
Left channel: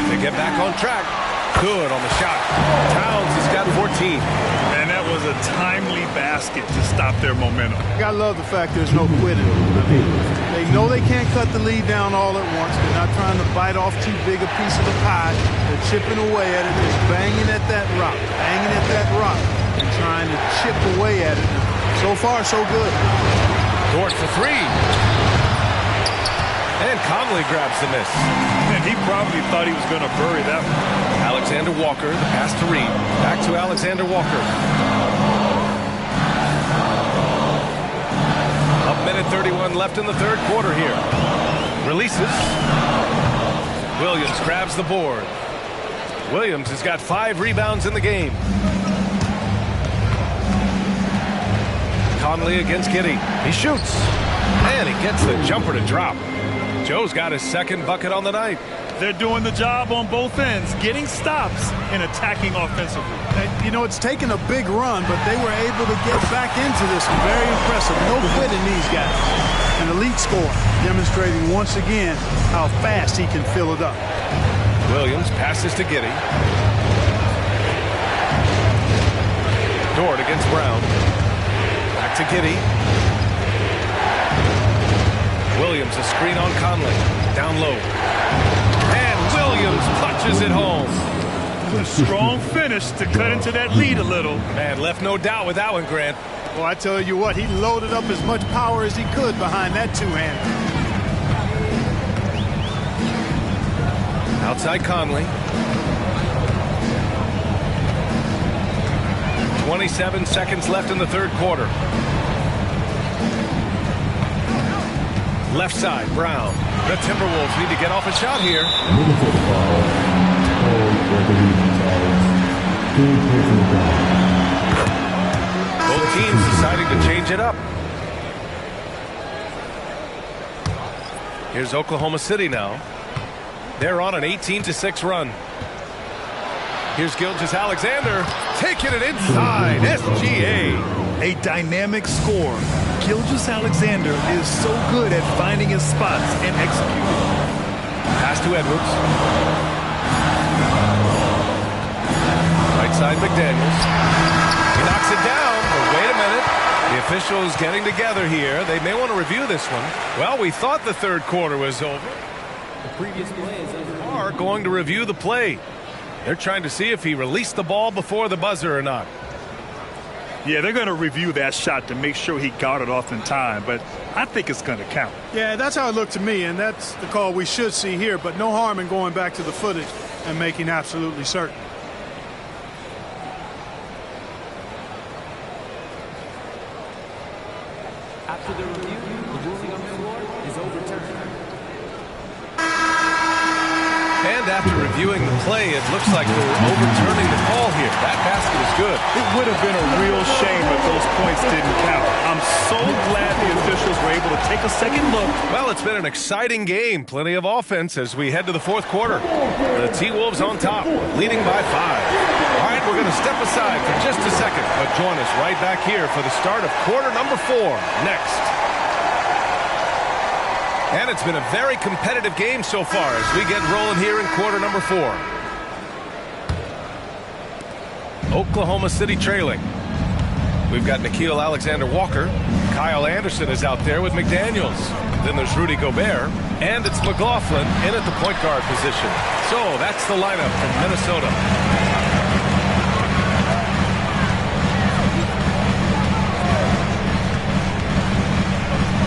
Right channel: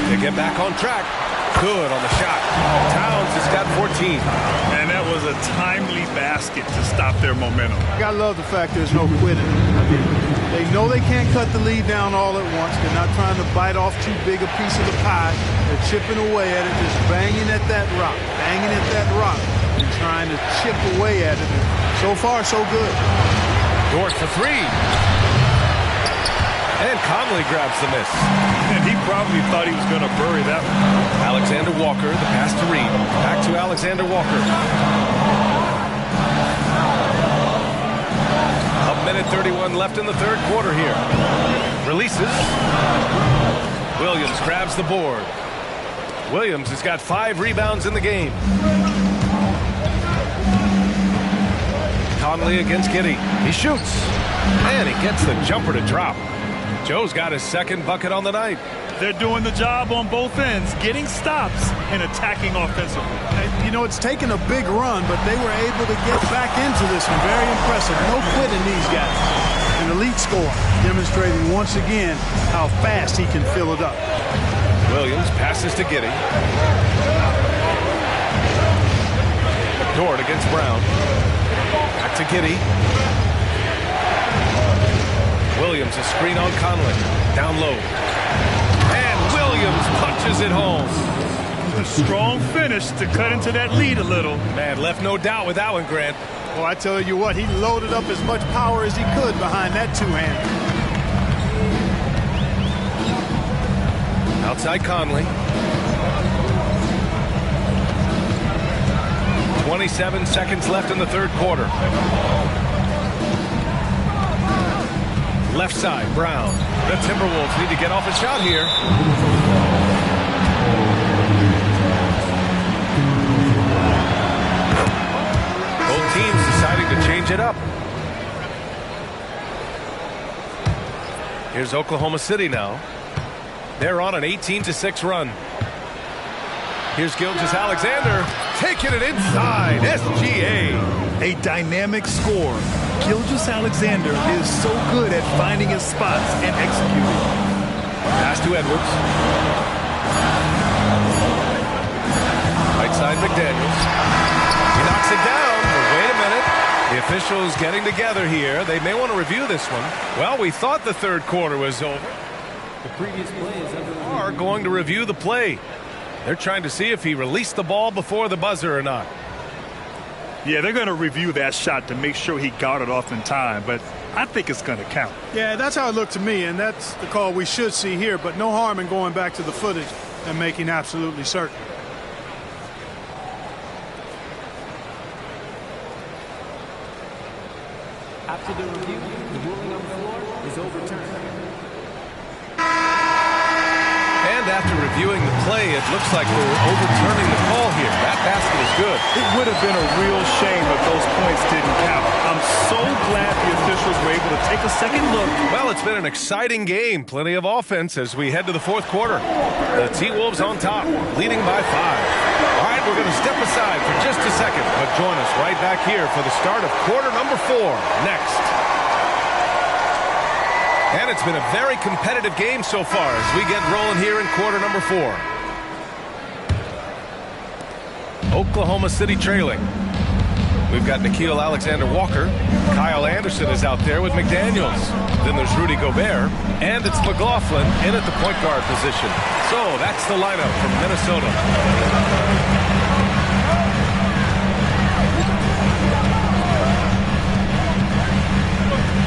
They get back on track. Good on the shot. Towns has got 14. And that was a timely basket to stop their momentum. I love the fact there's no quitting. I mean, they know they can't cut the lead down all at once. They're not trying to bite off too big a piece of the pie. They're chipping away at it, just banging at that rock, and trying to chip away at it. And so far, so good. Dort for 3. And Conley grabs the miss. And he probably thought he was going to bury that one. Alexander Walker, the pass to Reed. Back to Alexander Walker. A minute 31 left in the third quarter here. Releases. Williams grabs the board. Williams has got 5 rebounds in the game. Conley against Giddey. He shoots. And he gets the jumper to drop. Joe's got his second bucket on the night. They're doing the job on both ends, getting stops and attacking offensively. And, you know, it's taken a big run, but they were able to get back into this one. Very impressive. No quitting these guys. An elite score, demonstrating once again how fast he can fill it up. Williams passes to Giddey. Dort against Brown. Back to Giddey. Williams a screen on Conley. Down low. And Williams punches it home. A strong finish to cut into that lead a little. Man, left no doubt with that one, Grant. Well, I tell you what, he loaded up as much power as he could behind that two-hander. Outside Conley. 27 seconds left in the third quarter. Left side, Brown. The Timberwolves need to get off a shot here. Both teams deciding to change it up. Here's Oklahoma City now. They're on an 18-6 run. Here's Gilgeous-Alexander taking it inside. SGA. A dynamic score. Gilgeous-Alexander is so good at finding his spots and executing. Pass to Edwards. Right side McDaniels. He knocks it down, but wait a minute. The officials getting together here. They may want to review this one. Well, we thought the third quarter was over. The previous play is under review. Are going to review the play. They're trying to see if he released the ball before the buzzer or not. Yeah, they're going to review that shot to make sure he got it off in time, but I think it's going to count. Yeah, that's how it looked to me, and that's the call we should see here, but no harm in going back to the footage and making absolutely certain. After the review, the ruling on the floor is overturned. And after reviewing the play, it looks like they're overturning the call here. That basket is good. It would have been a real shame if those points didn't count. I'm so glad the officials were able to take a second look. Well, it's been an exciting game. Plenty of offense as we head to the fourth quarter. The T-Wolves on top, leading by 5. All right, we're going to step aside for just a second, but join us right back here for the start of quarter number 4 next. And it's been a very competitive game so far as we get rolling here in quarter number 4. Oklahoma City trailing. We've got Nickeil Alexander-Walker. Kyle Anderson is out there with McDaniels. Then there's Rudy Gobert. And it's McLaughlin in at the point guard position. So that's the lineup from Minnesota.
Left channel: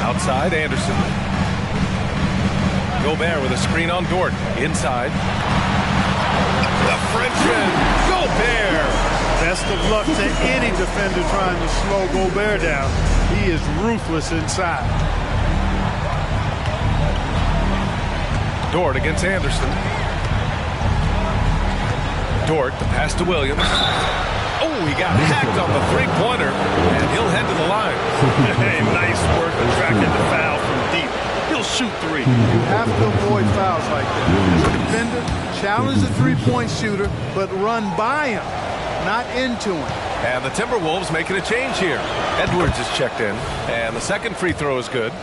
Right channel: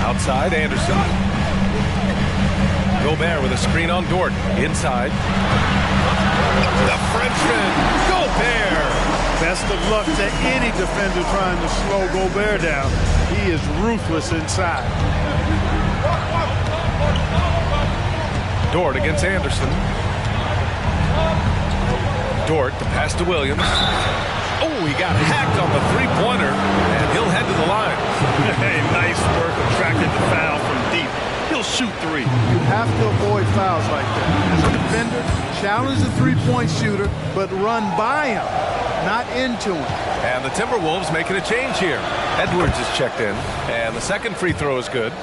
Outside, Anderson. Gobert with a screen on Dort. Inside. The Frenchman, Gobert. Best of luck to any defender trying to slow Gobert down. He is ruthless inside. Dort against Anderson. Dort, the pass to Williams. Oh, he got hacked on the three-pointer, and he'll head to the line. Hey, nice work attracting the foul from deep. He'll shoot 3. You have to avoid fouls like that. As a defender, challenge the three-point shooter, but run by him, not into him. And the Timberwolves making a change here. Edwards is checked in, and the second free throw is good.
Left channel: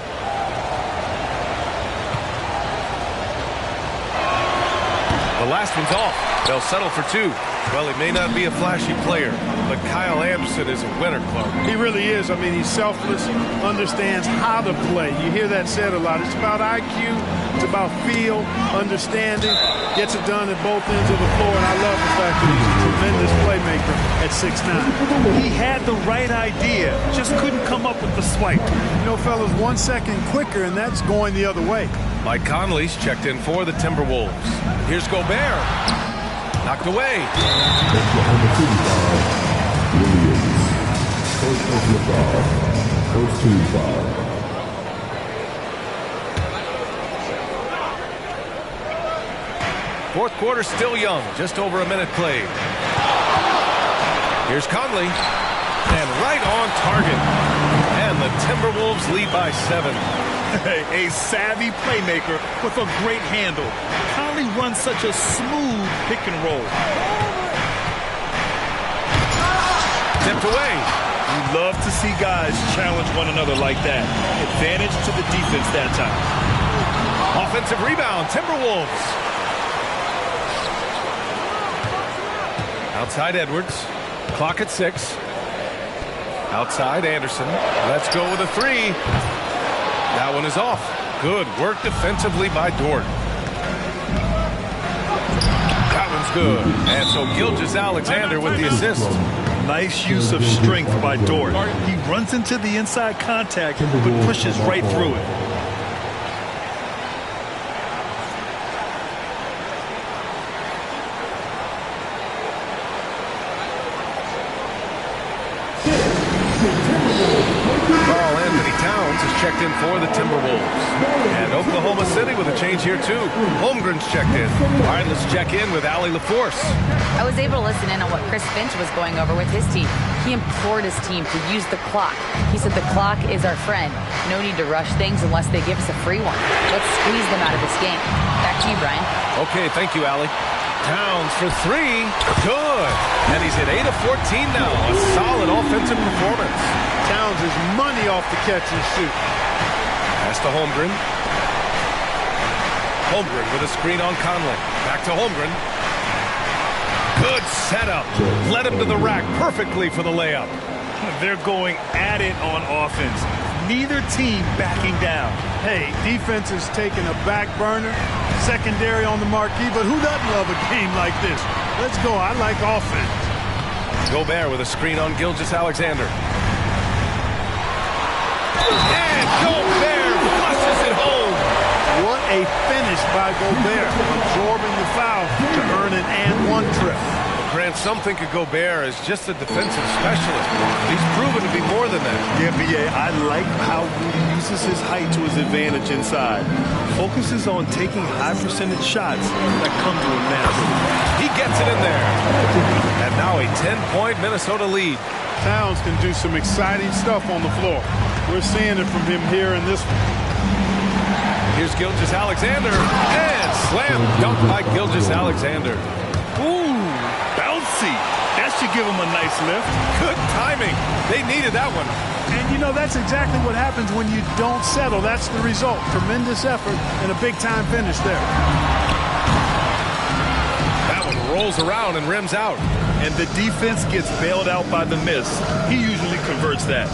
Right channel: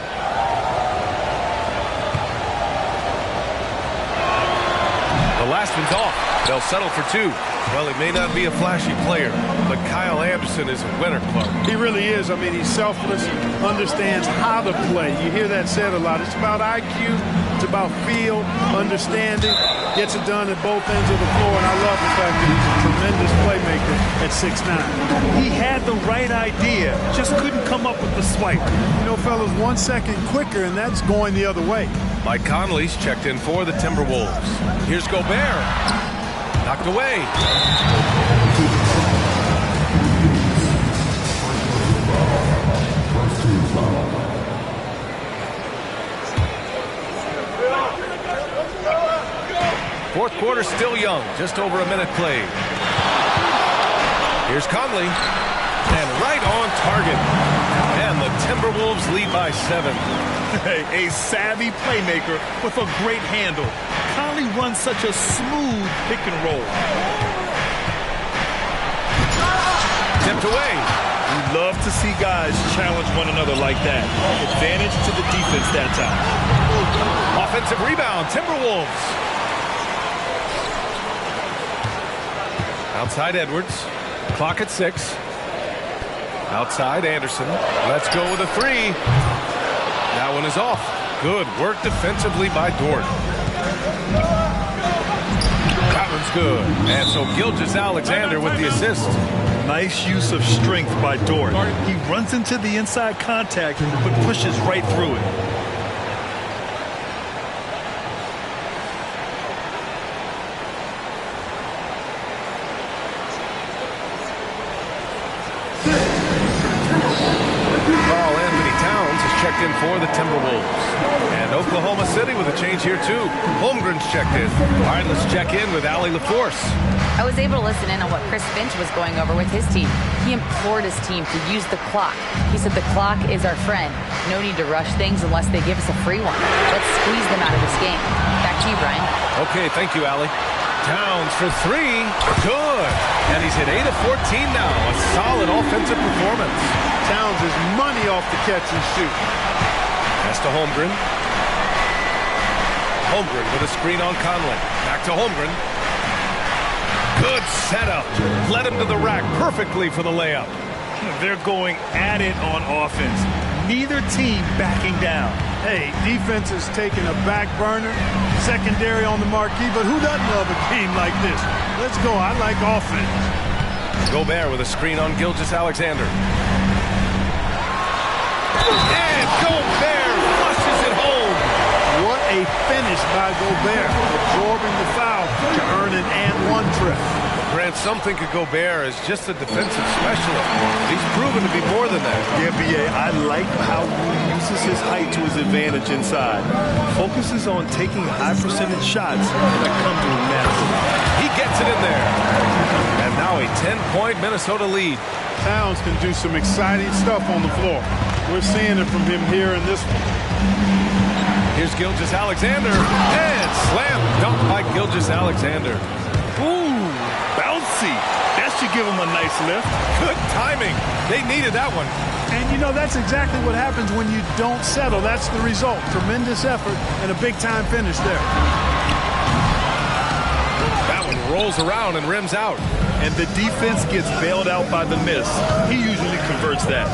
The last one's off. They'll settle for 2. Well, he may not be a flashy player, but Kyle Anderson is a winner, Clark. He really is. I mean, he's selfless, understands how to play. You hear that said a lot. It's about IQ. It's about feel, understanding. Gets it done at both ends of the floor, and I love the fact that he's a tremendous playmaker at 6'9". He had the right idea, just couldn't come up with the swipe. You know, fellas, 1 second quicker, and that's going the other way. Mike Conley's checked in for the Timberwolves. Here's Gobert. Knocked away. First team foul. Fourth quarter still young, just over a minute played. Here's Conley, and right on target. And the Timberwolves lead by 7. A savvy playmaker with a great handle. Conley runs such a smooth pick and roll. Tipped away. You love to see guys challenge one another like that. Advantage to the defense that time. Offensive rebound, Timberwolves. Outside Edwards. Clock at 6. Outside Anderson. Let's go with a 3. That one is off. Good work defensively by Dort. That one's good. And so Gilgeous-Alexander with the assist. Nice use of strength by Dort. He runs into the inside contact, but pushes right through it. Towns is checked in for the Timberwolves. And Oklahoma City with a change here, too. Holmgren's checked in. All right, let's check in with Allie LaForce. I was able to listen in on what Chris Finch was going over with his team. He implored his team to use the clock. He said the clock is our friend. No need to rush things unless they give us a free one. Let's squeeze them out of this game. Back to you, Brian. Okay, thank you, Allie. Towns for 3. Good. And he's hit 8 of 14 now. A solid offensive performance. Towns is money off the catch and shoot. Pass to Holmgren. Holmgren with a screen on Conley. Back to Holmgren. Good setup. Led him to the rack perfectly for the layup. They're going at it on offense. Neither team backing down. Hey, defense is taking a back burner, secondary on the marquee, but who doesn't love a game like this? Let's go. I like offense. Gobert with a screen on Gilgeous-Alexander. And Gobert flushes it home. What a finish by Gobert, absorbing the foul to earn an and-one trip. Well, Grant, some think of Gobert as just a defensive specialist, but he's proven to be more than that. Yeah, B.A., I like how Rudy uses his height to his advantage inside. Focuses on taking high-percentage shots that come to him naturally. He gets it in there. And now a 10-point Minnesota lead. Towns can do some exciting stuff on the floor. We're seeing it from him here in this one. Here's Gilgeous-Alexander, and slam dunk by Gilgeous-Alexander. Ooh, bouncy. That should give him a nice lift. Good timing. They needed that one. And, you know, that's exactly what happens when you don't settle. That's the result. Tremendous effort and a big-time finish there. That one rolls around and rims out. And the defense gets bailed out by the miss. He usually converts that.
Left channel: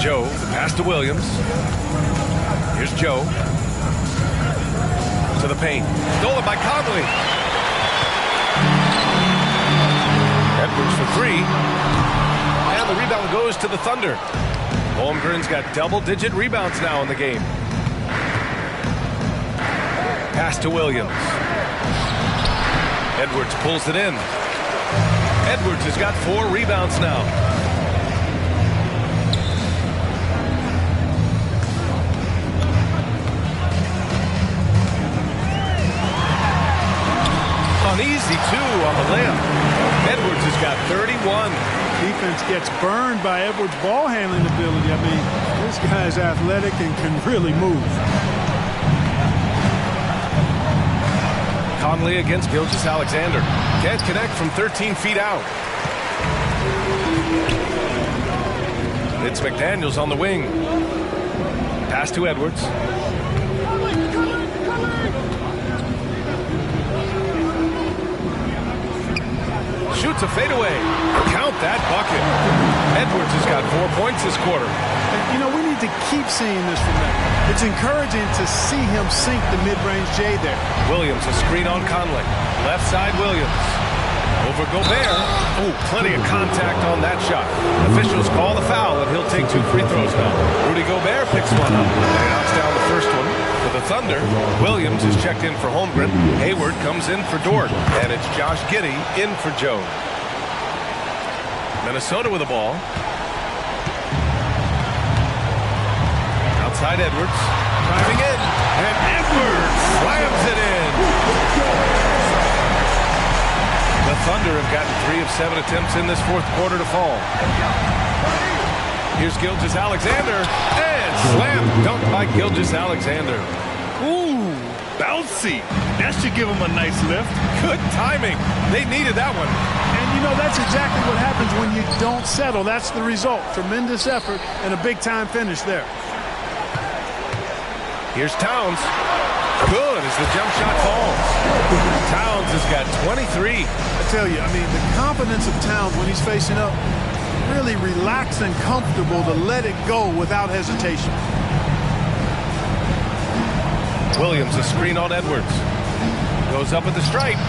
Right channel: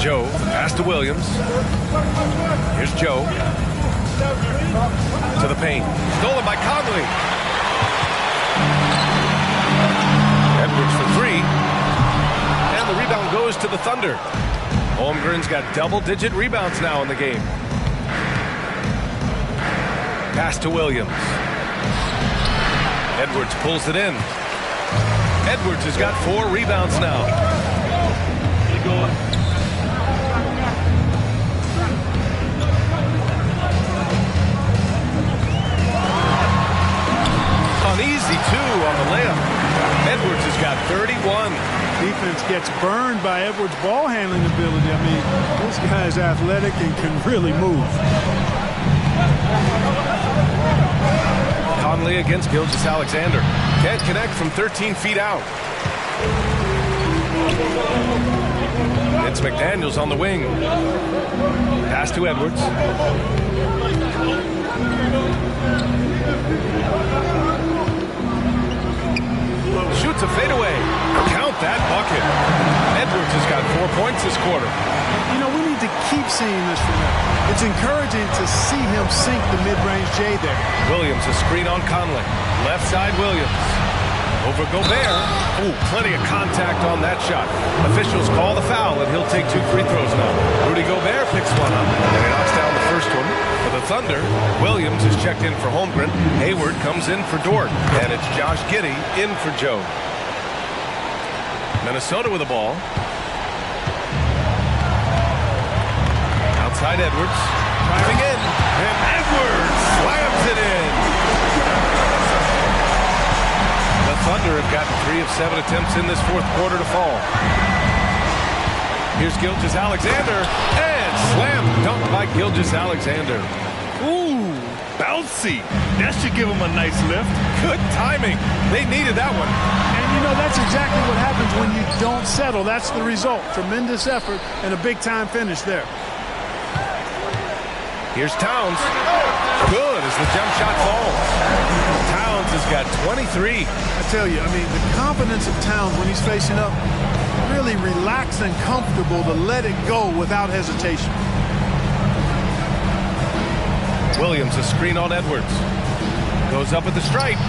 Joe, the pass to Williams. Here's Joe. To the paint. Stolen by Conley. Edwards for three. And the rebound goes to the Thunder. Holmgren's got double-digit rebounds now in the game. Pass to Williams. Edwards pulls it in. Edwards has got 4 rebounds now. An easy 2 on the layup. Edwards has got 31. Defense gets burned by Edwards' ball handling ability. I mean, this guy's athletic and can really move. Conley against Gilgeous-Alexander. Can't connect from 13 feet out. It's McDaniels on the wing. Pass to Edwards. Shoots a fadeaway. Count that bucket. Edwards has got 4 points this quarter. You know, we need to keep seeing this from him. It's encouraging to see him sink the mid-range J there. Williams, a screen on Conley. Left side, Williams. Over Gobert. Ooh, plenty of contact on that shot. Officials call the foul, and he'll take 2 free throws now. Rudy Gobert picks one up, and he knocks down the first one. For the Thunder, Williams is checked in for Holmgren. Hayward comes in for Dort, and it's Josh Giddey in for Joe. Minnesota with the ball. Outside Edwards. Driving in, and Edwards slams it in. The Thunder have gotten 3 of 7 attempts in this fourth quarter to fall. Here's Gilgeous-Alexander, and slam dunk by Gilgeous-Alexander. Ooh, bouncy. That should give him a nice lift. Good timing. They needed that one. And, you know, that's exactly what happens when you don't settle. That's the result. Tremendous effort and a big-time finish there. Here's Towns. Good as the jump shot falls. Towns has got 23. I tell you, I mean, the confidence of Towns when he's facing up, really relaxed and comfortable to let it go without hesitation. Williams, a screen on Edwards. Goes up at the stripe.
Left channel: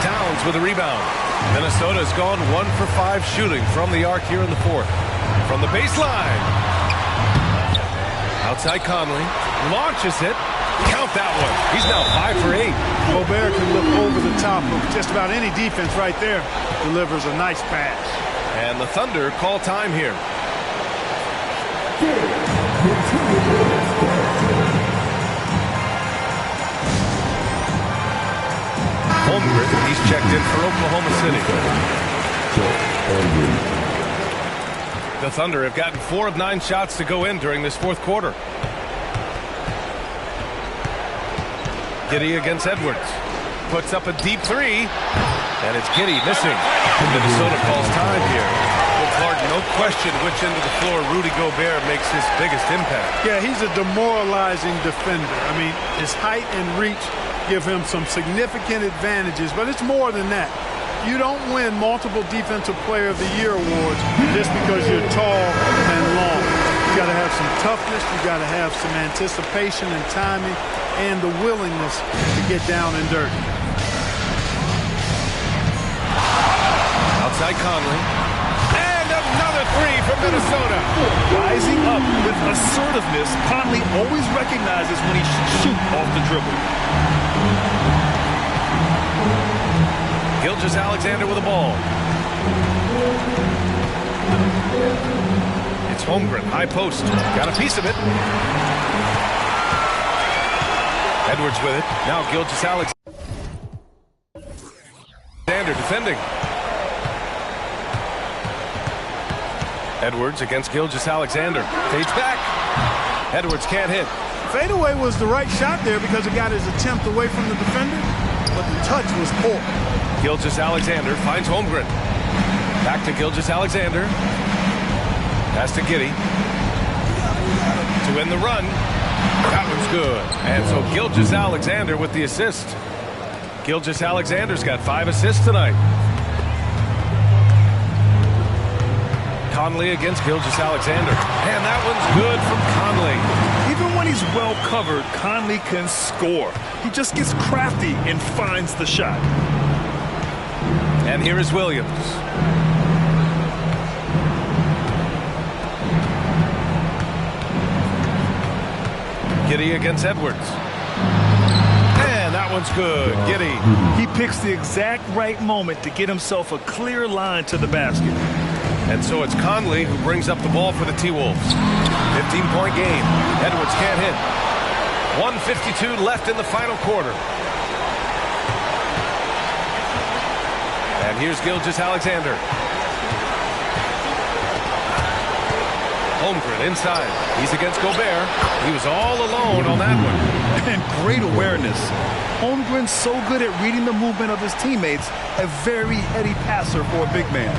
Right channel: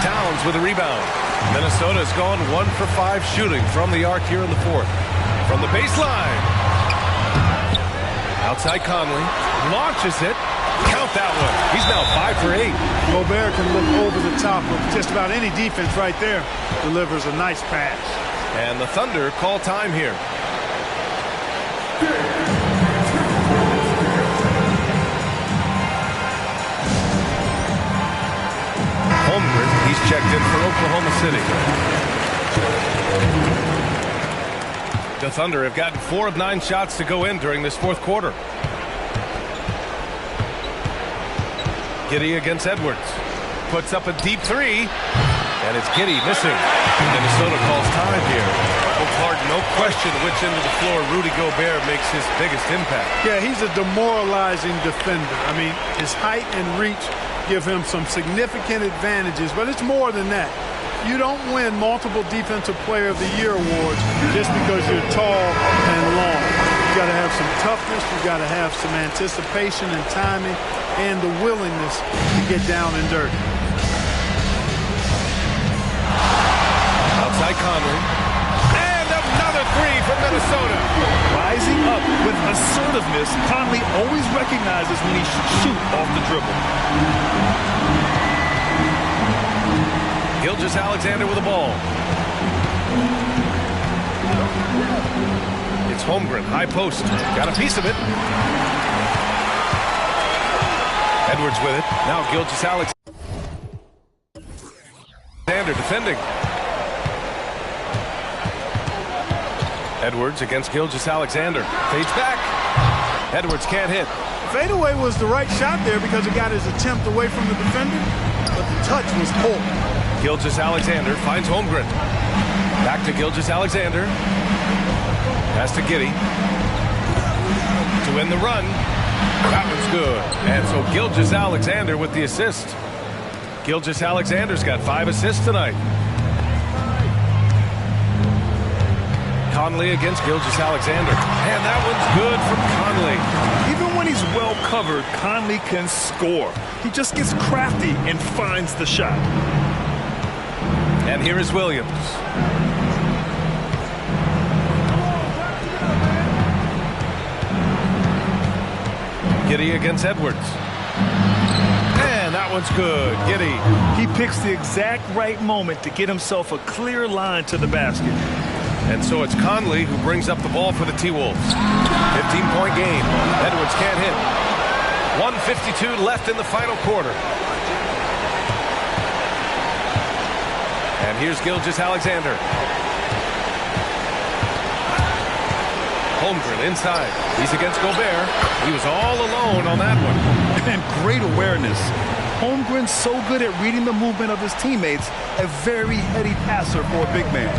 Towns with a rebound. Minnesota's gone 1 for 5 shooting from the arc here in the fourth. From the baseline. Outside Conley. Launches it. Count that one. He's now 5 for 8. Gobert can look over the top of just about any defense right there. Delivers a nice pass. And the Thunder call time here. Holmgren, he's checked in for Oklahoma City. The Thunder have gotten 4 of 9 shots to go in during this fourth quarter. Giddey against Edwards. Puts up a deep 3. And it's Giddey missing. And Minnesota calls time here. Well, Clark, no question which end of the floor Rudy Gobert makes his biggest impact. Yeah, he's a demoralizing defender. I mean, his height and reach give him some significant advantages, but it's more than that. You don't win multiple Defensive Player of the Year awards just because you're tall and long. got to have some toughness. You got to have some anticipation and timing and the willingness to get down and dirty. Outside Conley. And another three from Minnesota. Rising up with assertiveness, Conley always recognizes when he should shoot off the dribble. Gilgeous-Alexander with the ball. It's Holmgren, high post. Got a piece of it. Edwards with it. Now Gilgeous-Alexander defending. Edwards against Gilgeous-Alexander. Fades back. Edwards can't hit. Fadeaway was the right shot there because it got his attempt away from the defender, but the touch was poor. Gilgeous-Alexander finds Holmgren. Back to Gilgeous-Alexander. Pass to Giddey. To win the run. That one's good. And so Gilgeous-Alexander with the assist. Gilgeous-Alexander's got 5 assists tonight. Conley against Gilgeous-Alexander. And that one's good from Conley. Even when he's well covered, Conley can score. He just gets crafty and finds the shot. And here is Williams. Giddey against Edwards. And that one's good. Giddey. He picks the exact right moment to get himself a clear line to the basket. And so it's Conley who brings up the ball for the T-Wolves. 15-point game. Edwards can't hit. 1:52 left in the final quarter. And here's Gilgeous-Alexander. Holmgren inside. He's against Gobert. He was all alone on that one. And great awareness. Holmgren's so good at reading the movement of his teammates. A very heady passer for a big man.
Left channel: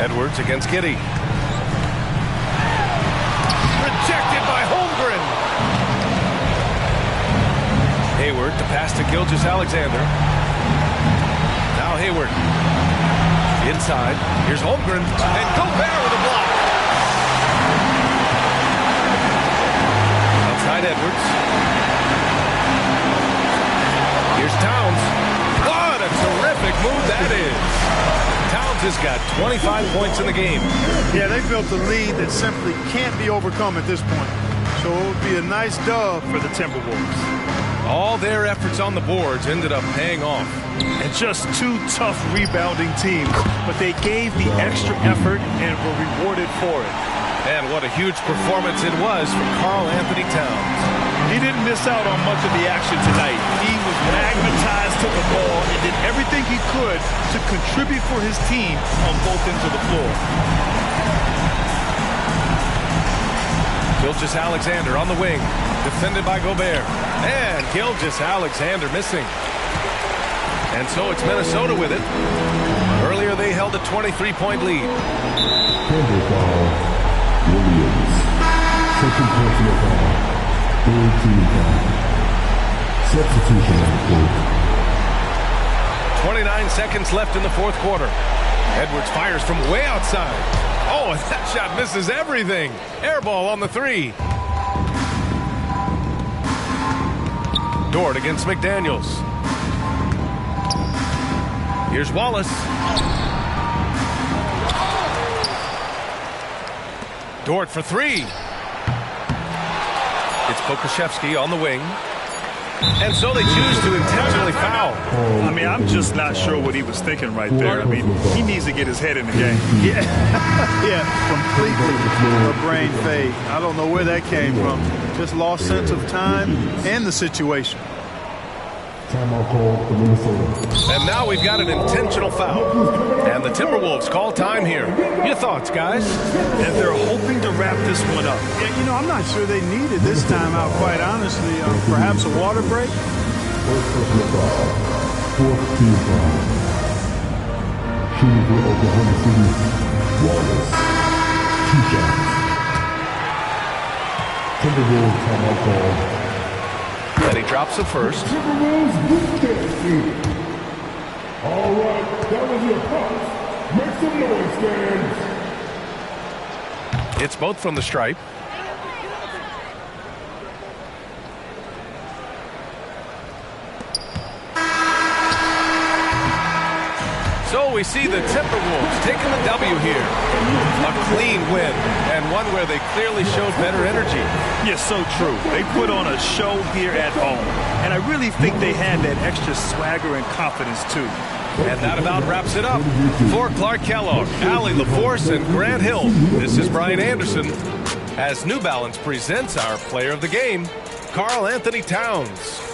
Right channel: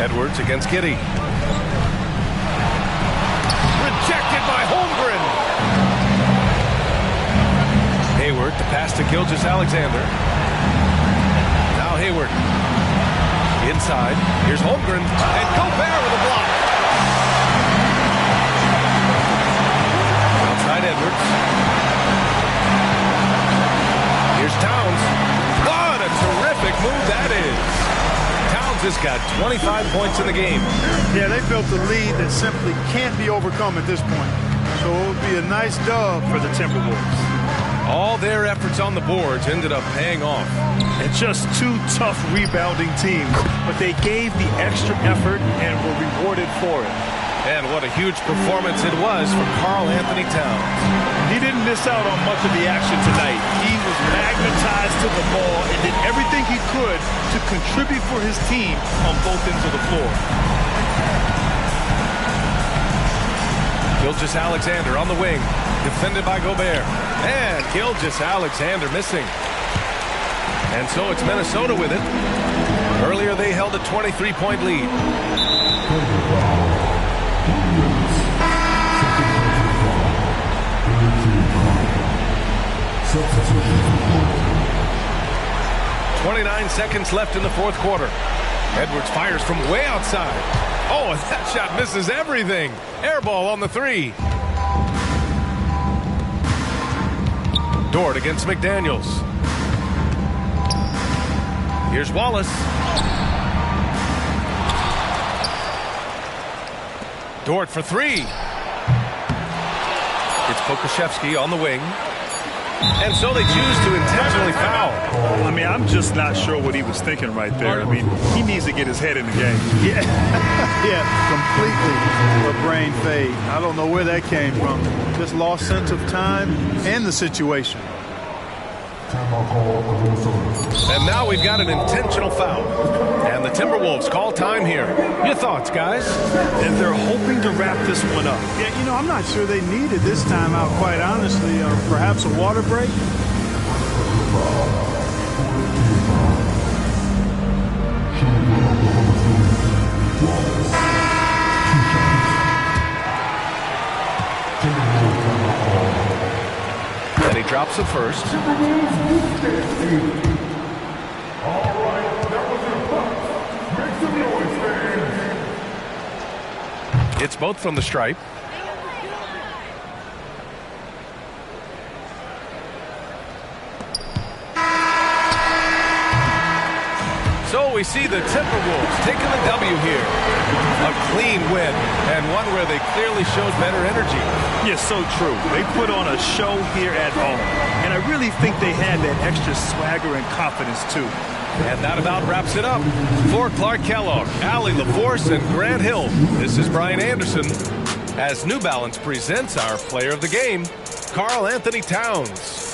Edwards against Giddey. Rejected by Holmgren. Hayward to pass to Gilgeous-Alexander. Now Hayward. Inside. Here's Holmgren. And Gobert with a block. Outside Edwards. Here's Towns. What a terrific move that is. Towns has got 25 points in the game. Yeah, they built a lead that simply can't be overcome at this point. So it would be a nice dub for the Timberwolves. All their efforts on the boards ended up paying off. And just 2 tough rebounding teams, but they gave the extra effort and were rewarded for it. And what a huge performance it was from Karl-Anthony Towns. He didn't miss out on much of the action tonight. He was magnetized to the ball and did everything he could to contribute for his team on both ends of the floor. Gilgeous-Alexander on the wing, defended by Gobert. And Gilgeous-Alexander missing. And so it's Minnesota with it. Earlier they held a 23-point lead. Williams. Second personal foul. Third team foul. Substitution on the court. 29 seconds left in the fourth quarter. Edwards fires from way outside. Oh, and that shot misses everything. Air ball on the 3. Dort against McDaniels. Here's Wallace. Dort for 3. It's Pokusevski on the wing. And so they choose to intentionally foul. I mean, I'm just not sure what he was thinking right there. I mean, he needs to get his head in the game. Yeah, yeah, completely a brain fade. I don't know where that came from. Just lost sense of time and the situation. Timeout call for Minnesota. And now we've got an intentional foul. And the Timberwolves call time here. Your thoughts, guys? And they're hoping to wrap this one up. Yeah, you know, I'm not sure they needed this timeout, quite honestly. Perhaps a water break? First personal foul. Fourth team foul. Shooting for Oklahoma City. Wallace. 2 shots. Timberwolves timeout call. And he drops the first. Timberwolves with that. All right, that was your punt. Make some noise, fans. It's both from the stripe. So we see the Timberwolves taking the W here. A clean win, and one where they clearly showed better energy. Yes, so true. They put on a show here at home, and I really think they had that extra swagger and confidence, too. And that about wraps it up. For Clark Kellogg, Allie LaForce, and Grant Hill, this is Brian Anderson, as New Balance presents our player of the game, Karl Anthony Towns.